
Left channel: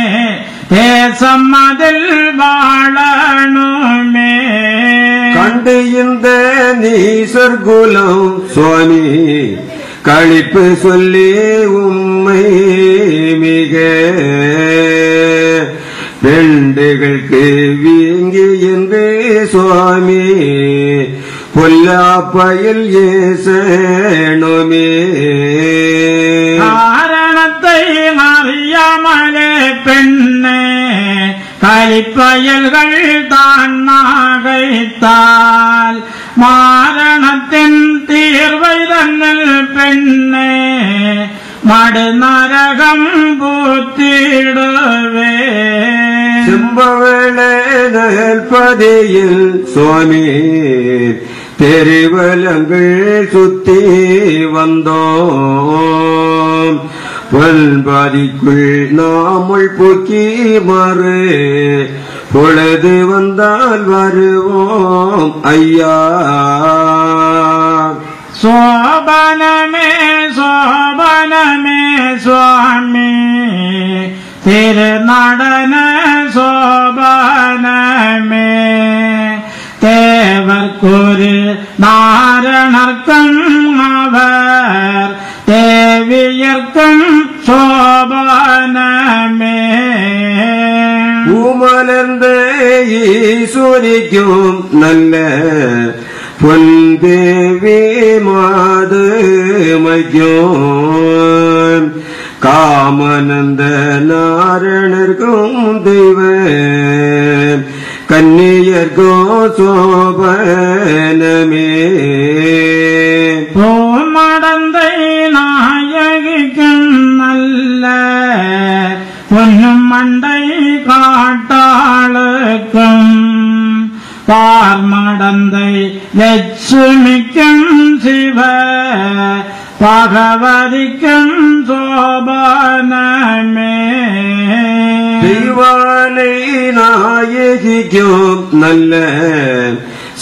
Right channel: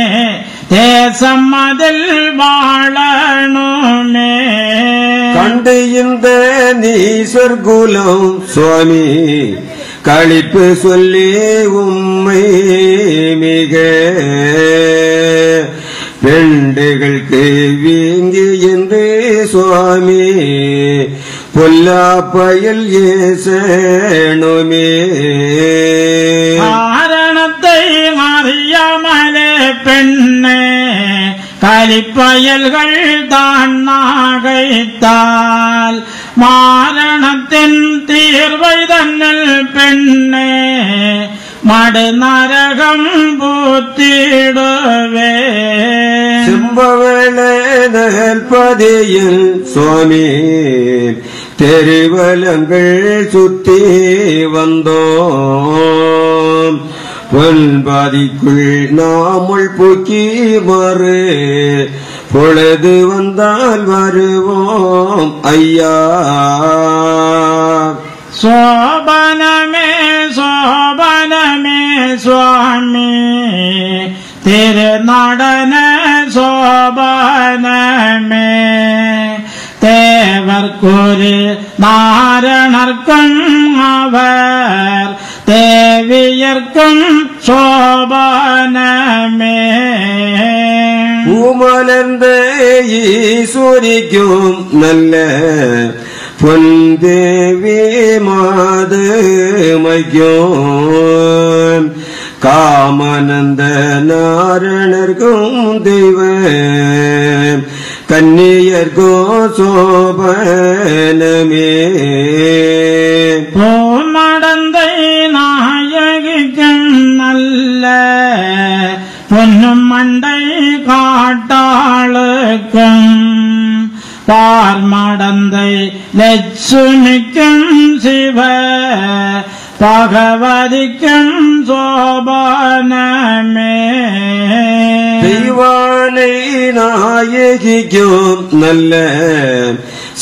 தேசம் அதில் வாழணுமே கண்டு இந்த நீசர்குலம் சுவாமி களிப்பு சொல்லி உம்மை மிக பெண்டுகளுக்கு வீங்கி என்று சுவாமி பொல்லாப்பயல் ஏசணுமே காரணத்தை அறியாமலே பெண்ணே கலிப்பயல்கள் தான் நாகைத்தால் மாரணத்தின் தீர்வை தன்னில் பெண்ணே மடு நரகம் பூத்திடுவே செம்பவள பதியில் சுவாமி தெரிவலங்கள் சுத்தி வந்தோம் பொன்பதிக்குள் நாமுள் போக்கி மறு பொழுது வந்தால் வருவோம் ஐயா சோபனமே சோபனமே சுவாமி திருநடன சோபனமே தேவர்கொரு நாரணர்க்கும் அவர் தேவியர்க்கும் சோபனமே பூமலர்ந்த ஈஸ்வரிக்கும் நல்ல பொன்தேவி மாதமைக்கும் காமனந்த நாரணர்க்கும் தெய்வ கன்னியர்க்கும் சோபனமே பூமடந்தை நாயகிக்கும் நல்ல பொன்னும் மண்டை காட்டாளுக்கும் பார்மடந்தை லட்சுமிக்கும் சிவ பகவதிக்கும் சோபனமே தெய்வானை நாயகிக்கும் நல்ல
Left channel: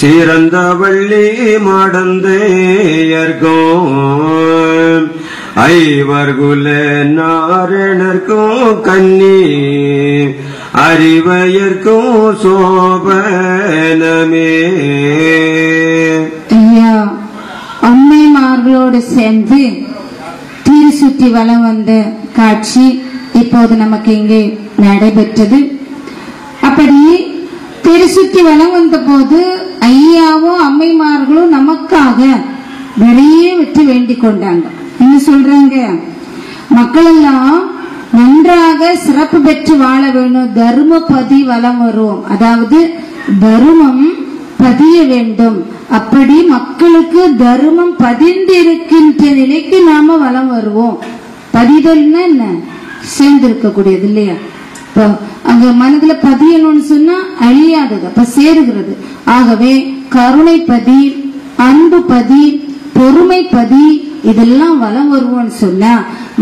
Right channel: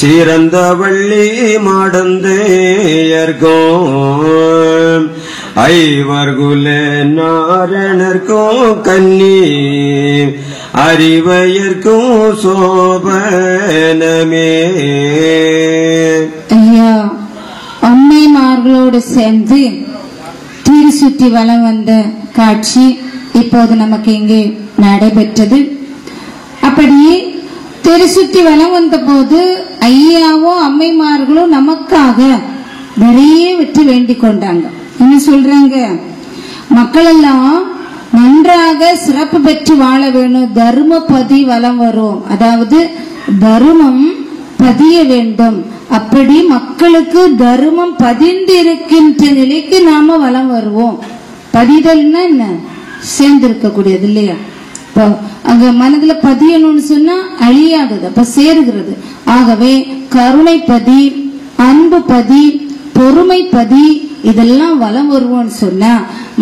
சிறந்த வள்ளி மடந்தையர்க்கும் ஐவர்குல நாரணர்க்கும் கன்னி அறிவையர்க்கும் சோபனமே ஐயா அம்மைமார்களோடு சேர்ந்து தீர் சுற்றி வலம் வந்த காட்சி இப்போது நமக்கு இங்கே நடைபெற்றது. அப்படி தெரு சுற்றி வலம் வந்த போது ஐயாவும் அம்மைமார்களும் நமக்காக நிறைய வெற்றி வேண்டிக் கொண்டாங்க. என்ன சொல்றாங்க? மக்கள் எல்லாம் நன்றாக சிறப்பு பெற்று வாழ வேணும், தர்மபதி வலம் வரும், அதாவது தர்மம் பதிய வேண்டும். அப்படி மக்களுக்கு தர்மம் பதிந்திருக்கின்ற நிலைக்கு நாம வலம் வருவோம். பதிதல்னா என்ன? சேர்ந்து இருக்கக்கூடியது இல்லையா? இப்போ அங்க மனதுல பதியணும்னு சொன்னா அழியாதது, அப்ப சேருகிறது. ஆகவே கருணை பதி, அன்பு பதி, பொறுமை பதி, இதெல்லாம் வலம் வருவோம்னு சொன்னா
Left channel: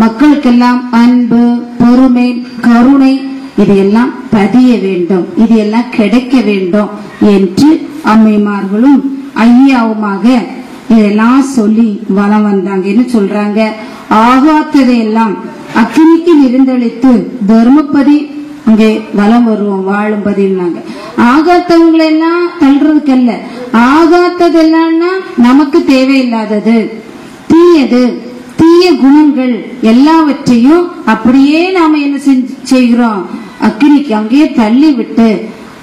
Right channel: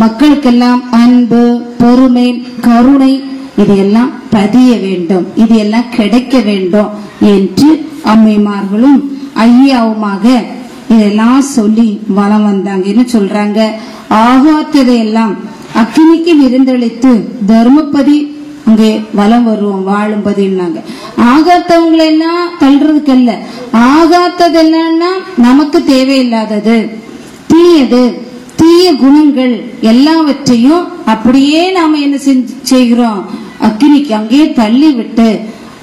மக்களுக்கெல்லாம் அன்பு, பொறுமை, கருணை இதையெல்லாம் பதிய வேண்டும், இதையெல்லாம் கிடைக்க வேண்டும் என்று அம்மைமார்களும் ஐயாவுமாக இதெல்லாம் சொல்லி வலம் வந்தாங்கன்னு சொல்றாங்க. ஆகாத்ததையெல்லாம் அக்னிக்கு விருந்தளித்து தர்மபதி அங்கே வலம் வருவோம் வாழும்பதினாங்க. ஆகாத்தவங்களை எல்லாம் தள்ளுறதுக்கு அல்ல, ஆகாத்ததெல்லாம் நமக்கு தேவையில்லாதது, தீயது, தீய குணங்கள் எல்லாவற்றையும் அப்படியே நாம என்ன செய்கிறோம், அக்னிக்கு அங்கே தள்ளி விட்டு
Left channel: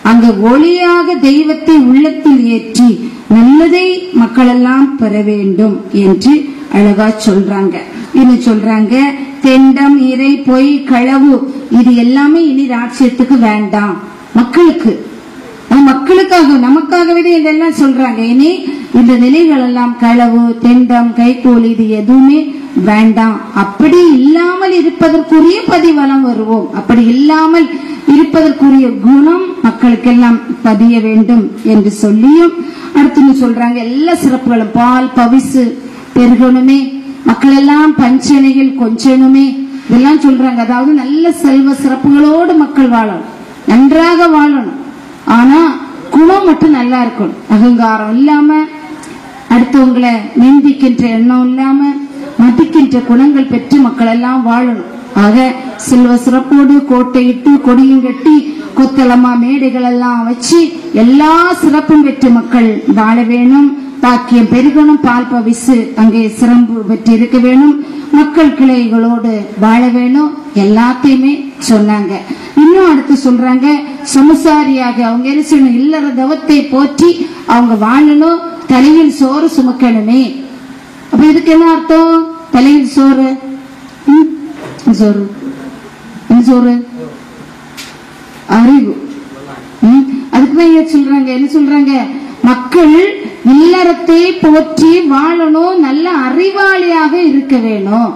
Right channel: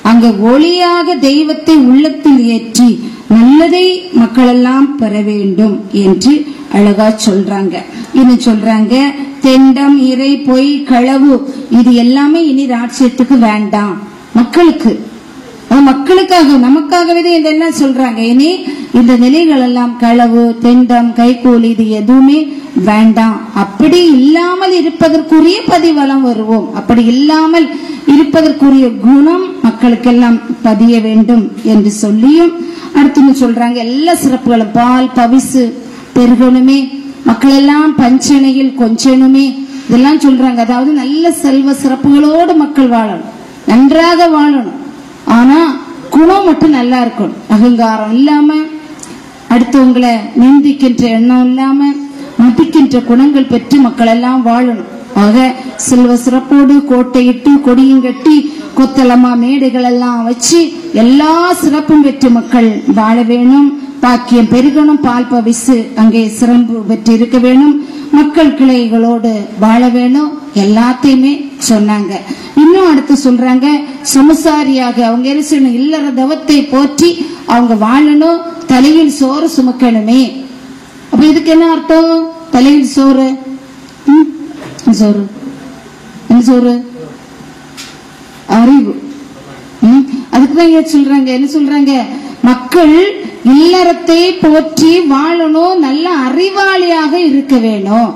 அங்க ஒளியாக தெய்வத்தை உள்ளத்தில் ஏற்றி நல்லதை மக்கள் எல்லாம் பெற வேண்டும் என்று அழகா சொல்றாங்க. இன்னும் சொல்றாங்க, தெண்டம், இறை, பொய், களவு இது எல்லாமே இனி ராட்சியத்துக்கு வேண்டாம். மக்களுக்காக நமக்காகவே இதெல்லாம் சொல்றாங்க. இனி இந்த நிலைகள் எல்லாம் களவு, தெண்டம், கைகோல் இது எதுவுமே வேண்டாம். அப்படி இல்லாமல் இருப்பதற்குரிய பதிவலம் வருவோம். அப்படி இல்லாமல் இருப்பதற்குரிய குணம் மக்களுக்கெல்லாம் பதிய வேண்டும் என்று சொல்லியும் அடுத்து சொல்றாங்க, எல்லா சிறப்புகளும் பால் பவிசு பெருகணுமே, மக்கள் எல்லாம் பஞ்சனையில் கொஞ்சனுமே இதெல்லாம் சொல்றாங்க. அதாவது நல்ல செல்வ சிறப்புகளோடு மக்கள் வாழணும், நன்றாக வாழணும். ஆனா குணம் மட்டும் நல்லா இருக்கணும். அகங்காரம் இல்லாம, அடுத்தவங்களை நிந்திக்கின்ற எண்ணம் இல்லாம, மதிக்கின்ற குணங்கள் பெற்று மக்கள் எல்லாம் வாழணும். ஆக செல்வ சிறப்போடு கோட்டையிட்டு கொடியும் கட்டி கொத்தளமா மேடைகள் எல்லாம் வச்சு எல்லா சிறப்பும் பெற்று மக்கள் வாழ வேணும். பாக்கியம் பெருகணும், பால் பவிசு அங்கே சிறப்பு பெற்று இருக்க வேணும், மக்கள் கிளைகளோடு வாழ வேணும், எல்லாத்தையுமே சொன்னாங்க. இன்னும் அடுத்து சொல்றாங்க, சமசாரியாக அவங்க இல்லற தவத்தை போற்றி அவங்க வாழணும், தலையில் சோறு சுமக்கணுமே. அப்ப இதுக்கு என்ன அர்த்தம்? தலையில் சோறு சோறு அறிவு. அதுக்குதான் சொல்றாங்க, என்ன சொல்றாங்க, மக்கள் இல்லறத்தை போற்றி வாழணும், நல்ல அறிவாளியாக இருக்க வேணும்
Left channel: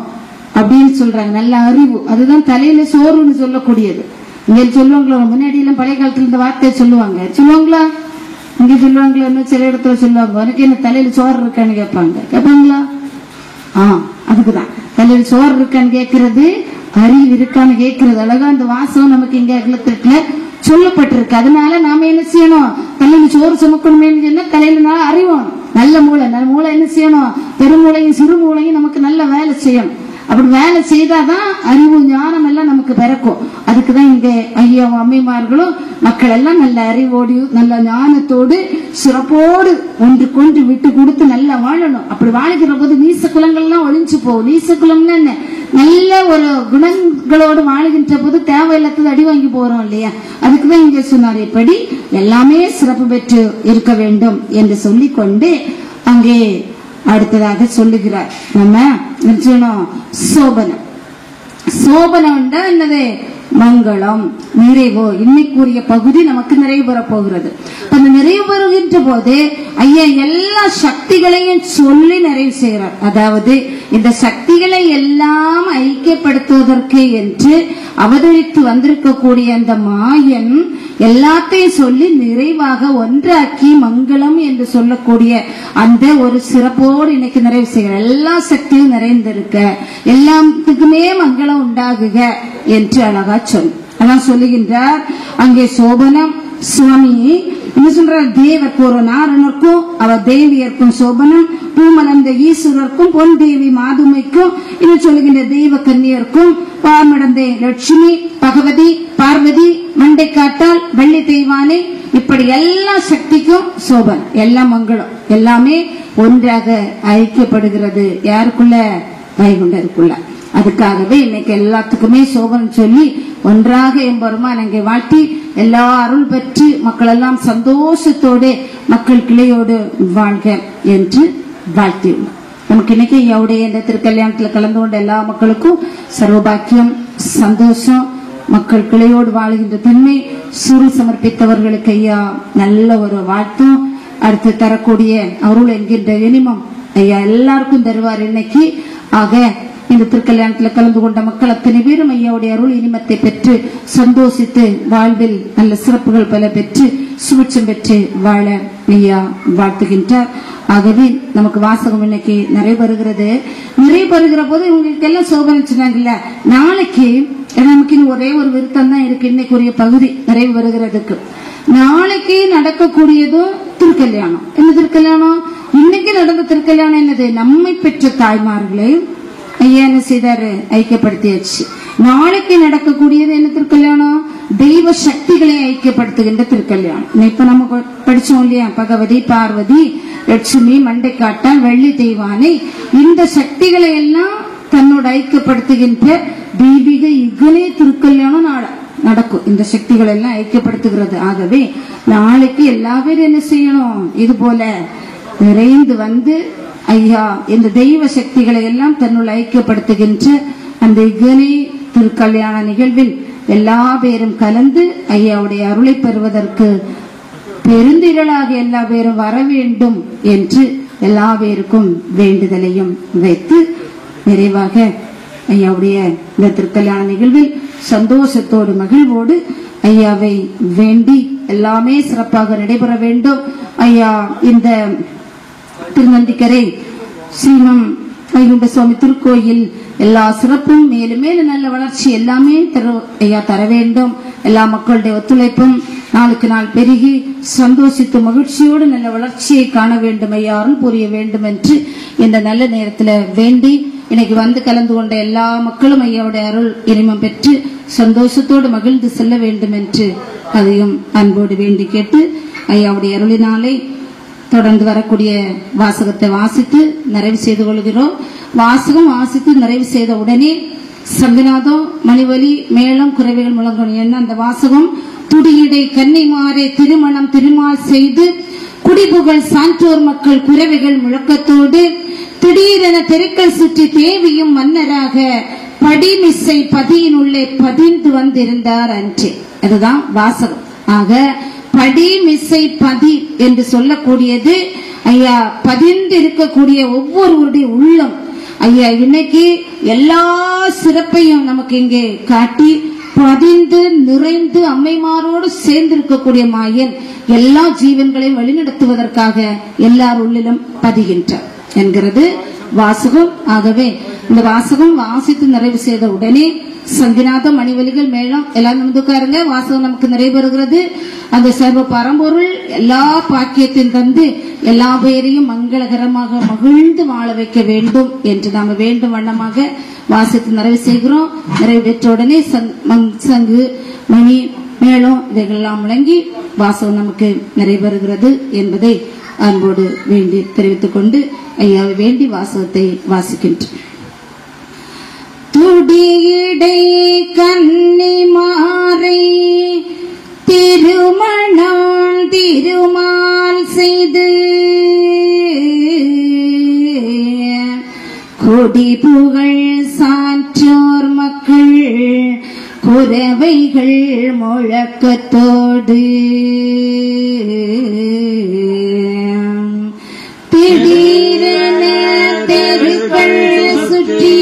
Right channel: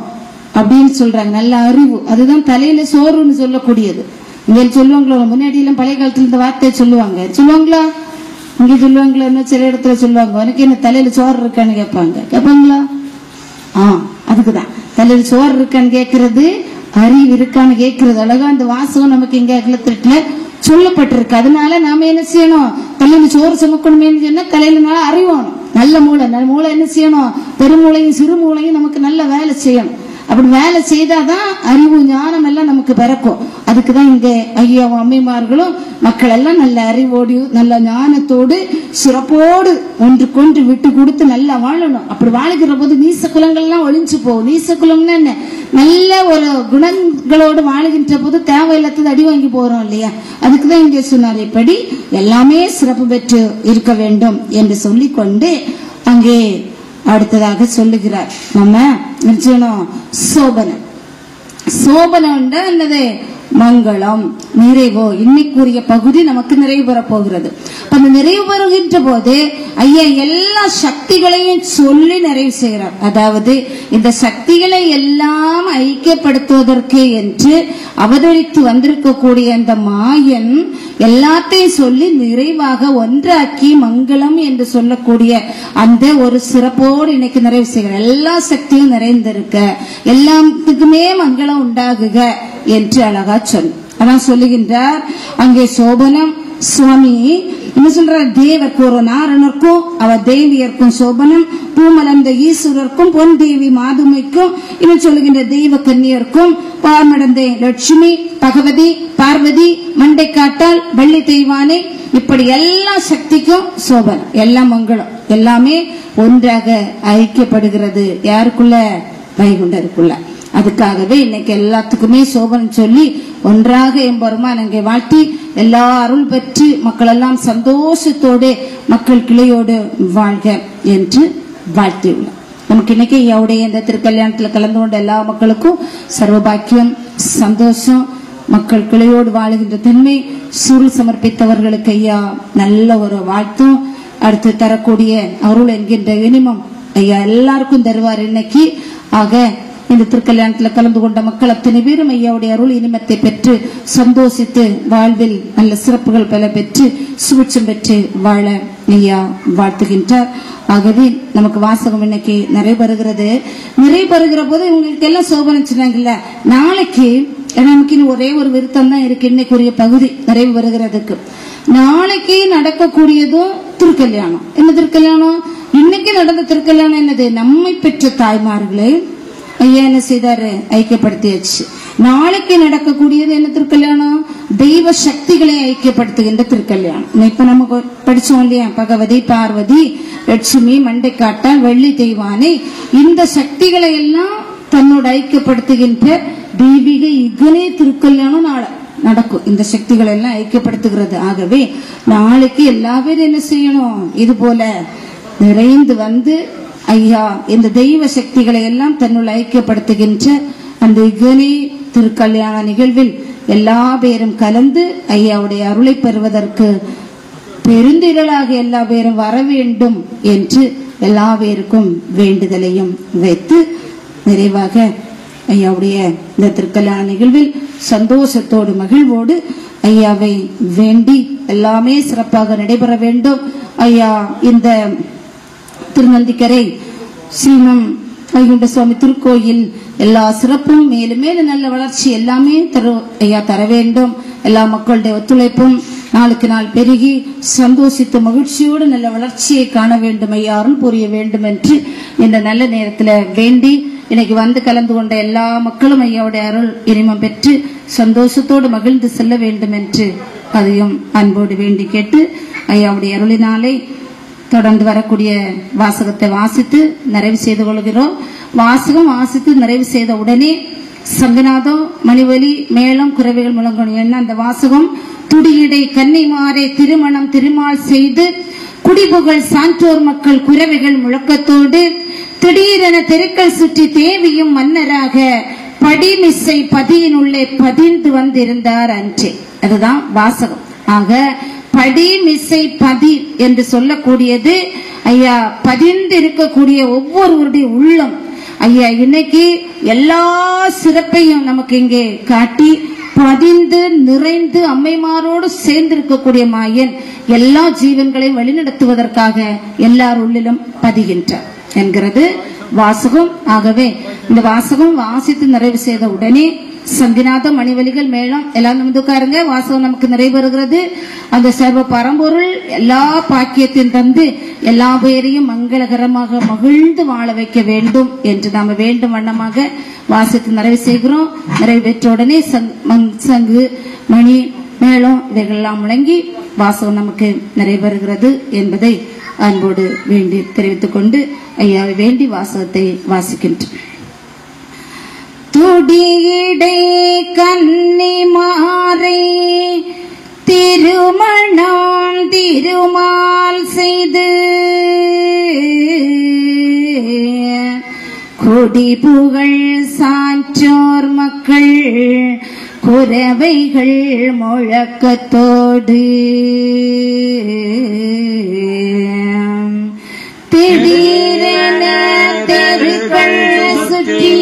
அப்படின்னு சொல்றாங்க. நல்ல அறிவு, அதுதான் தலையில சோறுன்னு சொல்லக்கூடியது. இங்க சொல்லுவாங்களோ, முன்னாடி எல்லாம் பழைய காலத்துல இந்த வார்த்தையை சொல்லுவாங்களா? இங்க சொல்லுவாங்களா? என்ன சில இடத்துல சொல்லுவாங்க, உனக்கு என்ன தலையில சோறு இருக்கான்னு கேட்பாங்களா? அதுக்குதான் தலையில சோறு இருக்கான்னு கேட்கறது, அறிவு இருக்கான்னு கேட்கறது. அழகா அந்த வாசம் நமக்கு இங்க அகலத்திட்டுல சொல்லப்பட்டிருக்கு. அதனால நாம என்ன செய்யணும், தலையில சோறு சுமக்கணுமே சொன்னா தலையில நல்லா அறிவோம். நல்ல மூளை என்ன செய்யணும், பெருமூளையும் சிறுமூளையும் நமக்கு நல்ல வேலை செய்யணும். அப்படி வேலை செய்தாதான் அறிவு ஞானம் எல்லாம் நமக்கு பிறக்கும். அதுக்குதான் இங்க ஐயா அம்மைமார்களும் மக்கள் எல்லாம் நல்ல அறிவோடு நல்ல ஞானத்தோடு சிறப்போடு ஒன்றுக்கொன்று விட்டு கொடுத்து நல்லா வாழணும். அப்படி வாழ்கிற போது நீச குலங்கள்லாம் ஒழிஞ்சு போகும். நீச குலம்னா என்ன, நல்ல ஒரு குணங்களோடு வாழ்கின்ற போது தேவையில்லாதது அடி வாங்கி போறோம் இல்லையா? அதுக்குதான் இங்க சொன்னார், இப்படி எல்லாமே சிறப்பு பெற்று இருக்க வேண்டும் என்று சொல்லிக்கொண்டு அங்கே அடுத்ததாக சொல்லுகிறார். நம்ம சோபனம் என்னது, மங்களம், நிறைவோ. இன்னைக்குரிய பகுதி நமக்கு நிறைவு பெற போகிறது. அந்த நிறைவு பெறுகின்ற போது ஐயா எல்லா சக்திகளையும் சொல்லி நிறைவு செய்கிறார். அதாவது இந்த சக்திகளை எல்லாம் ஐக்கியப்படுத்துவதற்கு என்று அவதரித்து வந்திருக்கக்கூடிய அந்த மாயன் எல்லாத்தையும் சொல்லி நிறைவாக ஒன்றாக்கி மங்களம் என்று சொல்லக்கூடிய அந்த ஒரு சிறப்போடு இன்னைக்கு நிறைவு செய்கிற. எல்லா சக்தியும் நிறைந்திருக்க, எல்லாத்துக்குமே மங்களம் உண்டாகுக என்று அழகா சொல்லுகின்றார். அங்கே சோபனம் சுவாமி என்ன சொல்ற, தேவர்க்கு ஒரு நாரணருக்கும் அவர் தேவியர்க்கும் சோபனம், பூமலர்ந்த ஈஸ்வரருக்கும் பொன் தேவி மாதுமைக்கும் இன்னும் சொல்லுகின்ற தெய்வ கன்னியருக்கும் பாமடந்தே லட்சுமி, பகவதி, பார்வதி, மண்டை காட்டால், வெள்ளி தெய்வானே, இப்படி எல்லா சக்திக்கும் சோபனம், எல்லா மங்களம் எல்லாமே ஒன்றாக ஐக்கியப்படுகிறது. யாருக்குள்ள? வைகுண்டருக்குள்ள. அதுக்காகவே இன்னைக்கு எல்லாத்துக்குமே சோபனம் சொல்லி ஒன்றாக எம்பெருமான் அங்கே வாழ்த்தி எல்லா அருள் பெற்று மக்கள் எல்லாம் சந்தோஷத்தோடு மக்கள் கிளையோடு வாழ்க என்று வாழ்த்தியுள்ளோம். நமக்கு இன்னைக்கு ஐயாவுடைய இந்த திருக்கல்யாணத்தில் கலந்து கொண்ட எல்லா மக்களுக்கும் சர்வபாக்கியம், சந்தோஷம், மக்கள் கிளையோடு வாழுகின்ற தன்மை, சுரு சமர்ப்பித்தவர்களுக்கு ஐயா நல்ல ஒரு வாழ்த்தும், அடுத்து தரக்கூடிய அருள் என்கின்ற இனிமம் ஐயா எல்லாருக்கும் தருவார் இன்னைக்கு. ஆக இந்த திருக்கல்யாணத்துல கலந்து கொண்ட மக்கள் அத்தனை பேரும் ஐயாவுடைய அருள் இனிமத்தை பெற்று சந்தோஷித்து வாழ்வில் நல்ல சிறப்புகள் பல பெற்று சுபிட்சம் பெற்று வாழ ஐயா வாழ்த்துகின்றார். ஆகவே நமக்கு வாசகம் இன்னைக்கு நிறைய வருகிற போது இவங்களுக்கு எல்லாம் சோபனை சொன்னாங்கல்ல, நாளைக்கு நமக்கு ஒரே ஒரு விருத்தம் தான் இருக்கு. இன்னைக்குரிய பகுதி நிறைவு வருகிறதுக்கு நாளைக்கு நடக்கக்கூடியதும் திருக்கல்யாணம். என்ன திருக்கல்யாணம்? இன்னைக்கு நடந்த திருக்கல்யாணம் என்னது? நம்மை பெற்ற தாய்மார்களை ஐயா என்ன செய்தாரு? ஐக்கியப்படுத்தியாச்சு. நாளைக்கு நடக்கக்கூடியது என்ன திருக்கல்யாணம்? தெய்வ சக்திகளை ஐக்கியப்படுத்துகின்ற திருக்கல்யாணம். இப்ப நம்ம படிச்சோம் இல்லையா? பகவதி, பார்வதி, லட்சுமி, மண்டைக்காட்டா, வெள்ளி தெய்வானை, இந்த சக்திகளை எல்லாம் தன்னோட ஐக்கியப்படுத்துகின்ற தெய்வீக இகனே திருக்கல்யாணம் நடக்கும். இந்த சக்திகள் எல்லாம் ஐக்கியப்படுத்துகிறது. ஆகவே நாளைக்கு எல்லா பேரும் என்ன செய்யணும்? இது போல நிறைந்து வந்து ஐயா இந்த தெய்வ சக்திகளை எல்லாம் தன்னுள் ஐக்கியப்படுத்துகின்ற அந்த இகனே திருக்கல்யாண நிகழ்வில் எல்லா பேரும் கலந்து ஐயாவுடைய அருளை பெறுவதற்கு பெருந்திரளாக எல்லா பேரும் வர வேண்டும் என்று எல்லா பேருக்கும் வேண்டுதலையும் வைத்து நிறைவாக ஐயாவுடைய இந்த திருக்கல்யாண நிகழ்வில் சந்தோஷத்தோடு மகிழ்வோடு ஐயாவை வேண்டி எல்லாமே சிறப்பாக நடைபெற வேண்டும். ஐயா இந்த திருநந்திக்கரை ஸ்ரீமம் வைகுண்ட சுவாமி திருக்கோயில் எல்லா சிறப்பும் மேலும் மேலும் நல்ல வளர்ச்சி எல்லாமே ஐயா தர வேண்டும். எல்லா மக்களுடைய ஒத்துழைப்பும் நாளுக்கு நாள் பெருகி சந்தோஷித்து மகிழ்ச்சியோடு நல்ல வளர்ச்சியை காண வேண்டும், ஐயாரும் புரிய வேண்டும் என்று இந்த நல்ல நேரத்தில் வேண்டி இன்னைக்கு வந்து கலந்து கொண்ட எல்லா மக்களும் ஐயாவுடைய அருள் இனிமம் பெற்று சந்தோஷத்தோடு மகிழ்ந்து செல்ல வேண்டும் என்று அதையும் அன்போடு வேண்டி கேட்டு ஐயாவுடைய அருளினாலே தொடர்ந்து வரக்கூடிய வாசகத்தை வாசித்து நிறைவு செய்து கொள்கிறோம். வாசகம் வாசித்து நிறைவு செய்த உடனே சங்கநாதம், மணிவலி, மேளம், குறைவுகள் முழங்கணும். என்ன அந்த வாசகம்? துடியடை கன்னிமாரை திருமணம் திருமால் செய்து குடிபுகழ் சான்றோர் மக்கள் குறைவுகள் முழக்கத்தோடு திடீரென தெருக்கள் சுற்றி தேவியும் மன்னராக படிமிசை பதியினுள்ளே பதிந்து வந்திருந்தார் அன்று. அதுதான் வாசகம். ஆக படிமிசை பதி என்று சொல்லக்கூடியது ஐயா பதிந்து இருக்கக்கூடிய ஒவ்வொருவருடைய உள்ளம். ஐயா இன்னைக்கு எல்லா சிறப்பையும் நமக்கு இங்கே காட்டி பதிந்து நிறைந்து அம்மைமாரோடு சேர்ந்து இருக்கக்கூடிய மாயன் எல்லா ஜீவன்களையும் வழிநடத்துவதற்காக எல்லார் உள்ளிலும் பதிகின்றார் என்கிறது வாசகம். ஆகவே இந்த வாசகம் வாசித்து நிறைவு செய்த உடனே சங்கிநாதம், மணிவலிகள், மேளம் எல்லாம் நுந்துக்காரங்க. வாசகம் நமக்கு நிறைவேறுகிறது. அந்த சர்வ பரம்பொருள் எல்லா பாக்கியத்தையும் தந்து எல்லா பேரையும் மங்களகரமாக மகிழ்ந்து வாழ வைக்க வேண்டும் என்று நாம வேண்டும் வண்ணமாக வாசித்து நிறைவு செய்கிறோம். நிறைவு பெற்ற உடனே சங்கு, மணி, மேளம் இவைகளெல்லாம் முழங்கி வாசகம் நமக்கு நிறைவேறுகிறது என்பதை அன்போடு வேண்டி தெரிவித்துக் கொண்டு ஐயாவை வேண்டி வாசகத்தை வாசிக்கின்றோம். துடியடை கன்னிமாரை திருமணம் திருமால் செய்து கொடி புகழ் சான்றோர் மக்கள் குரவைகள் முழக்கத்தோடு திடீரென தெருக்கள் சுற்றி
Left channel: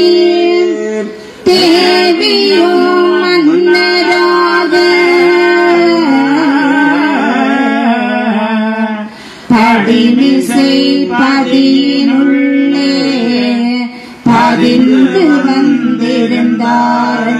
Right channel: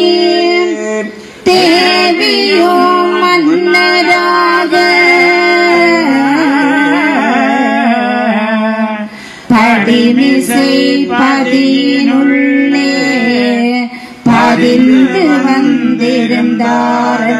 தேவியோ மன்னராக படிமிசை பதியினுள்ளே பதிந்து வந்திருந்தாரே.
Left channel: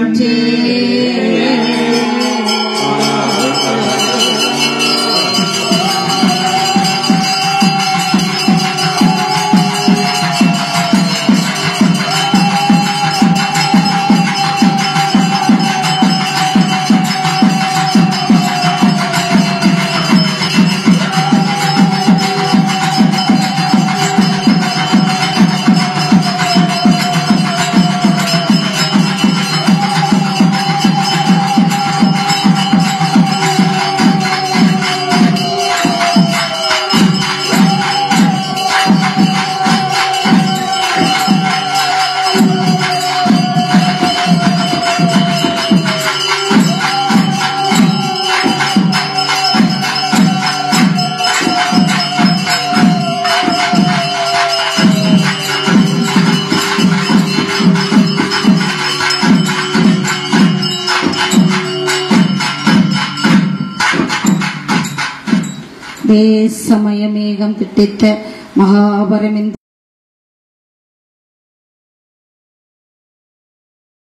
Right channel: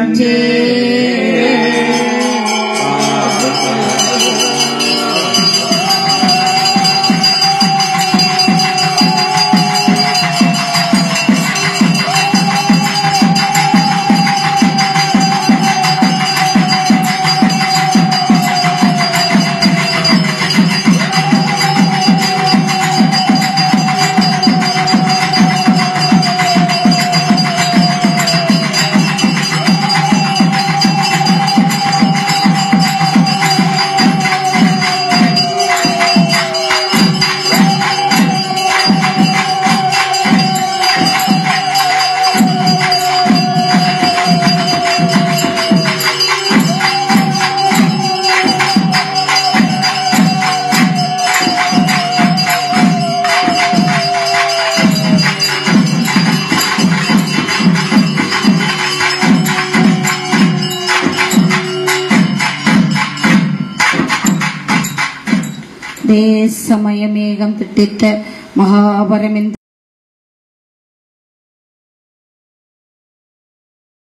அதே சமய மேகம் திட்டித்த மகாபரமின்